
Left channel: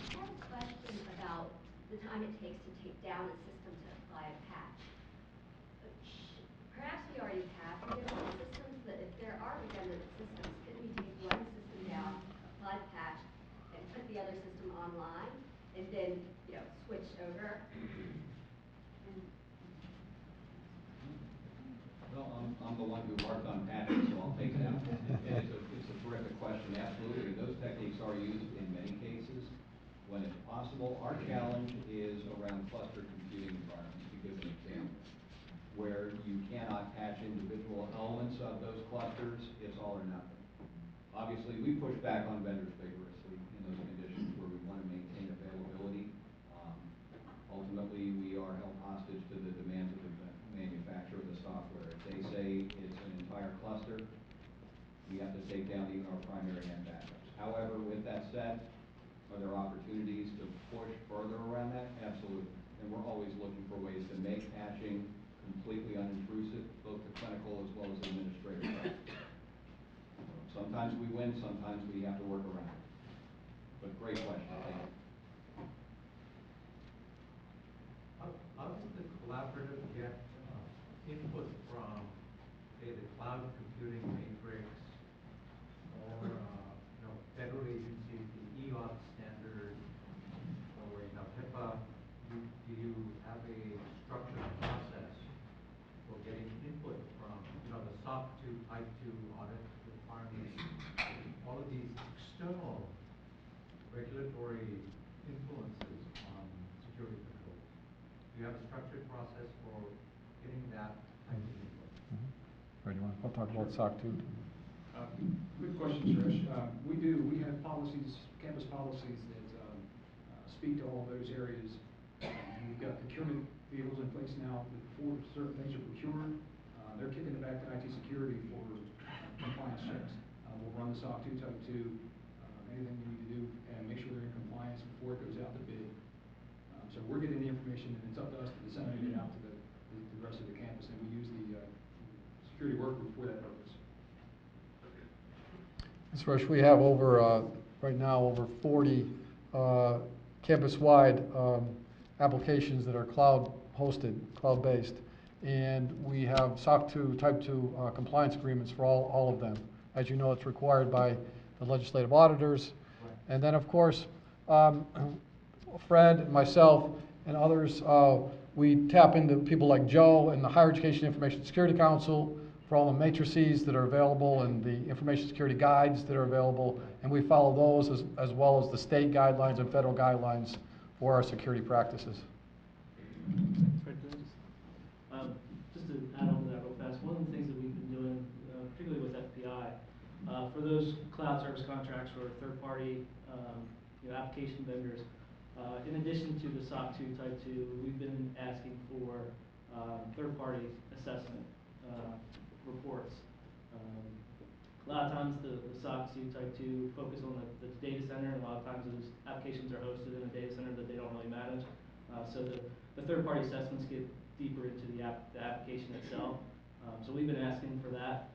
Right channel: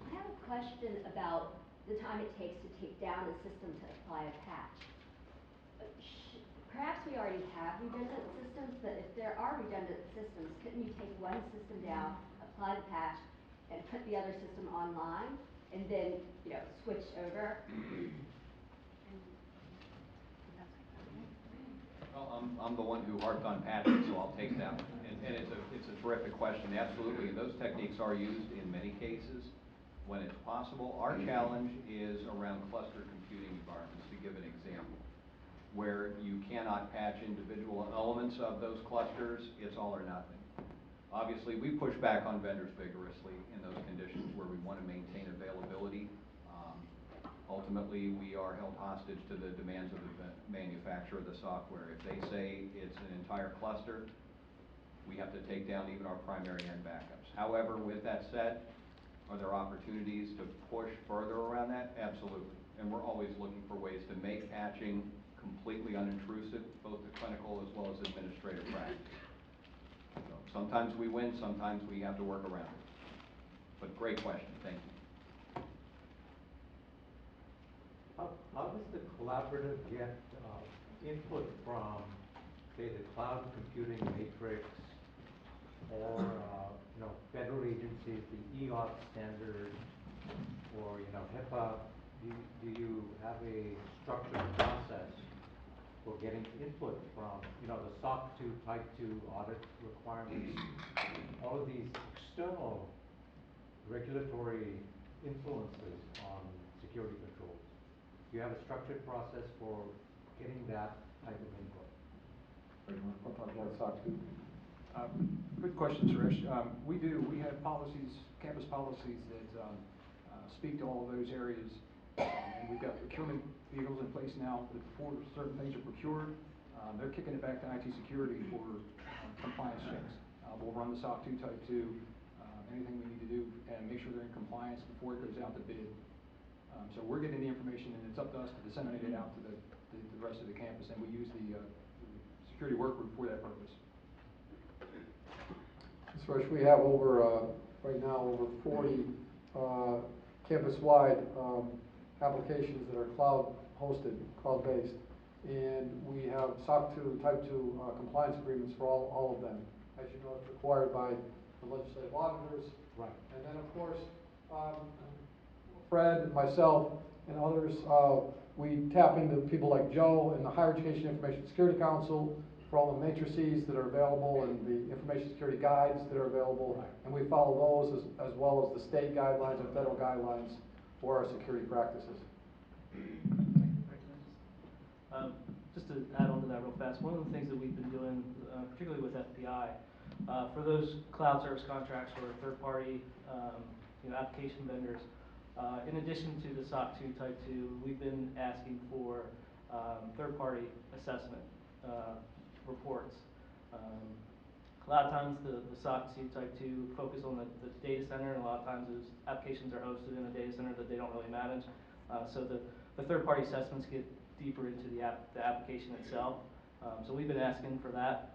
I have a question about the time it takes to take down a system to apply a patch. Perhaps we already have redundant systems, but if there are redundant systems, couldn't you take one system down, apply the patch, and put the other system online, and then, switch over? Well, I'm the one who harped on patching, so I'll take that one. And it's a terrific question, absolutely. And those techniques are used in many cases when it's possible. Our challenge is around cluster computing environments, to give an example, where you cannot patch individual elements of those clusters. It's all or nothing. Obviously, we push back on vendors vigorously in those conditions where we want to maintain availability. Ultimately, we are held hostage to the demands of the manufacturer of the software. If they say it's an entire cluster, we have to take down even our primary end backups. However, with that said, are there opportunities to push further around that? Absolutely. And we're always looking for ways to make patching completely unintrusive, both to clinical as well as administrative practice. Sometimes we win, sometimes we have to work around it. But great question, thank you. How does the collaborative get input from, say, the cloud computing matrix or, federal agencies, the EOP standard, or, HIPAA? Do you have a structured process for getting input from, the SOC 2 Type 2 audit requirements, all of these external regulatory influences on security controls? Do you have a structured process for getting that type of input? We'll talk about SOC 2. Good question, Suresh. We have policies, campus policies that speak to all those areas. And we've got procurement vehicles in place now that for certain things are procured. They're kicking it back to IT security for compliance checks. We'll run the SOC 2 Type 2, anything we need to do, and make sure they're in compliance before it goes out to bid. So we're getting the information, and it's up to us to disseminate it out to the rest of the campus, and we use the security work group for that purpose. Ms. Rush, we have right now over 40 campus-wide applications that are cloud-hosted, cloud-based. And we have SOC 2 Type 2 compliance agreements for all of them. As you know, it's required by the legislative auditors. Right. And then, of course, Fred and myself and others, we tap into people like Joe and the Higher Education Information Security Council for all the matrices that are available and the information security guides that are available. And we follow those as well as the state guidelines and federal guidelines for our security practices. Just to add on to that real fast, one of the things that we've been doing, particularly with FBI, for those cloud service contracts or third-party application vendors, In addition to the SOC 2 Type 2, we've been asking for third-party assessment reports. A lot of times the SOC 2 Type 2 focus on the data center, and a lot of times those applications are hosted in a data center that they don't really manage. So the third-party assessments get deeper into the application itself. So we've been asking for that.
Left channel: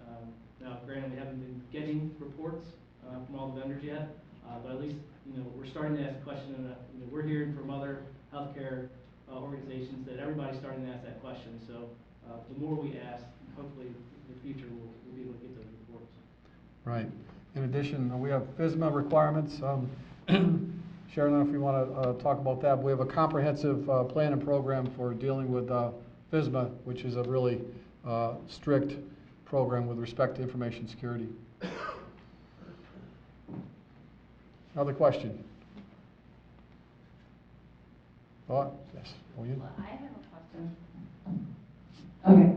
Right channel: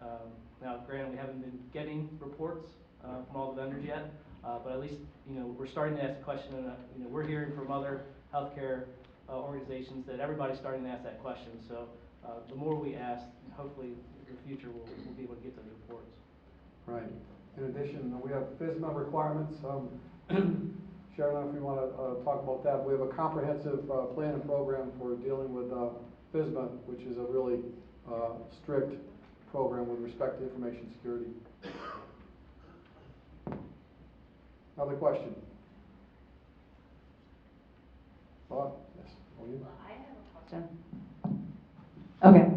Now, granted, we haven't been getting reports from all the vendors yet, but at least we're starting to ask the question. We're hearing from other healthcare organizations that everybody's starting to ask that question. So the more we ask, hopefully in the future we'll be able to get those reports. Right. In addition, we have FSMA requirements. Sharon, I don't know if you want to talk about that. But we have a comprehensive plan and program for dealing with FSMA, which is a really strict program with respect to information security. Another question? Thought? Yes. Oh, yeah. Well, I have a question. Okay.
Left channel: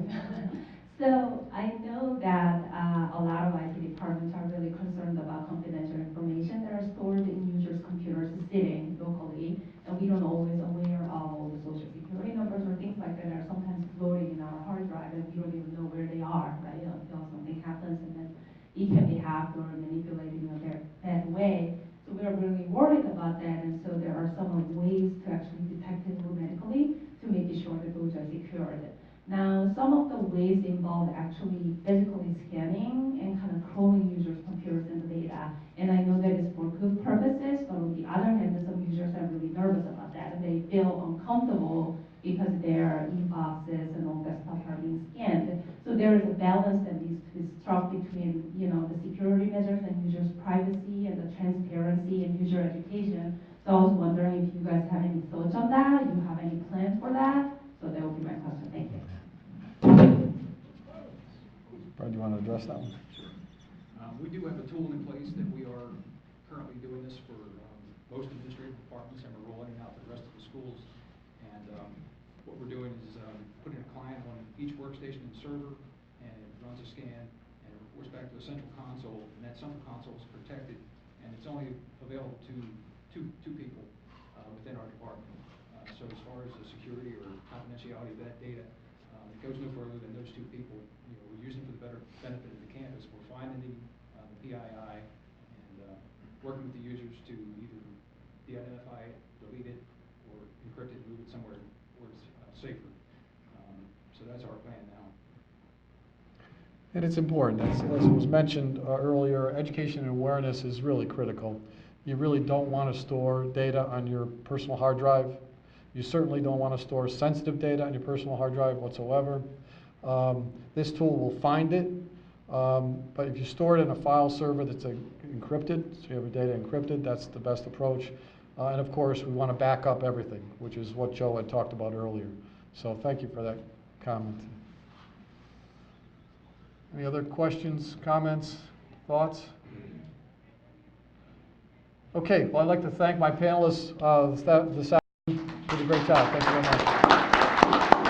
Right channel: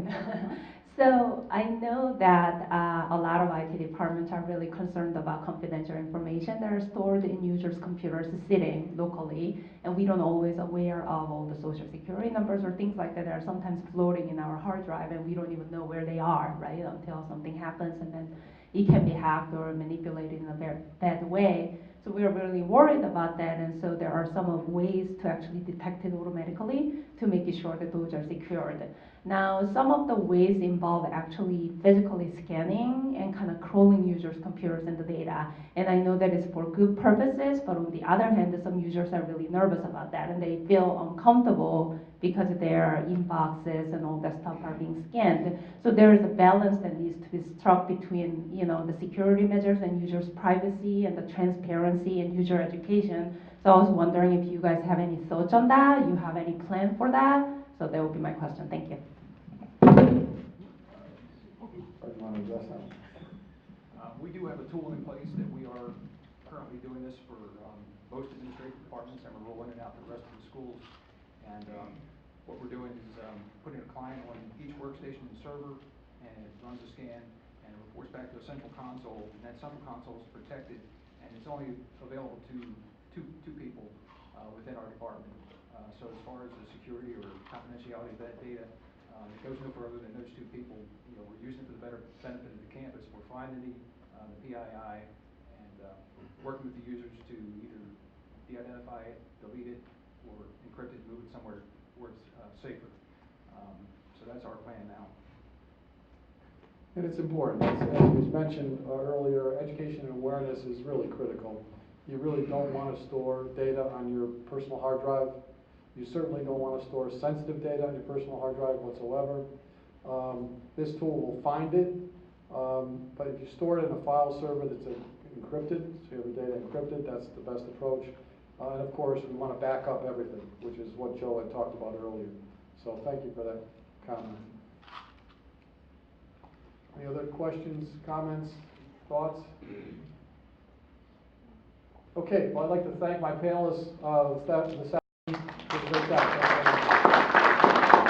So I know that a lot of IT departments are really concerned about confidential information that are stored in users' computers sitting locally, and we don't always aware of all the social security numbers or things like that are sometimes floating in our hard drive, and we don't even know where they are, right, until something happens, and then it can be hacked or manipulated in a very bad way. So we are really worried about that, and so there are some ways to actually detect it automatically to make sure that those are secured. Now, some of the ways involve actually physically scanning and kind of crawling users' computers and the data. And I know that it's for good purposes, but on the other hand, some users are really nervous about that, and they feel uncomfortable because their inboxes and all that stuff are being scanned. So there is a balance that needs to be struck between, the security measures and users' privacy and the transparency and user education. So I was wondering if you guys have any thoughts on that, you have any plan for that? So that would be my question. Thank you. Fred, do you want to address that one? We do have a tool in place that we are currently doing this for most administrative departments, and we're rolling it out to the rest of the schools. And what we're doing is putting a client on each workstation of the server, and it runs a scan and reports back to a central console, and that central console is protected, and it's only available to two people within our department. So as far as the security or confidentiality of that data, it goes no further than those two people. We're using it for the better benefit of the campus. We're finding the PII and working with the users to either de-identify it, delete it, or encrypt it and move it somewhere where it's safer. So that's our plan now. And it's important, as was mentioned earlier, education and awareness is really critical. You really don't want to store data on your personal hard drive. You certainly don't want to store sensitive data on your personal hard drive whatsoever. This tool will find it, but if you store it in a file server that's encrypted, so you have your data encrypted, that's the best approach. And of course, we want to back up everything, which is what Joe had talked about earlier. So thank you for that comment. Any other questions, comments, thoughts? Okay, well, I'd like to thank my panelists this afternoon. It was a great time. Thank you very much.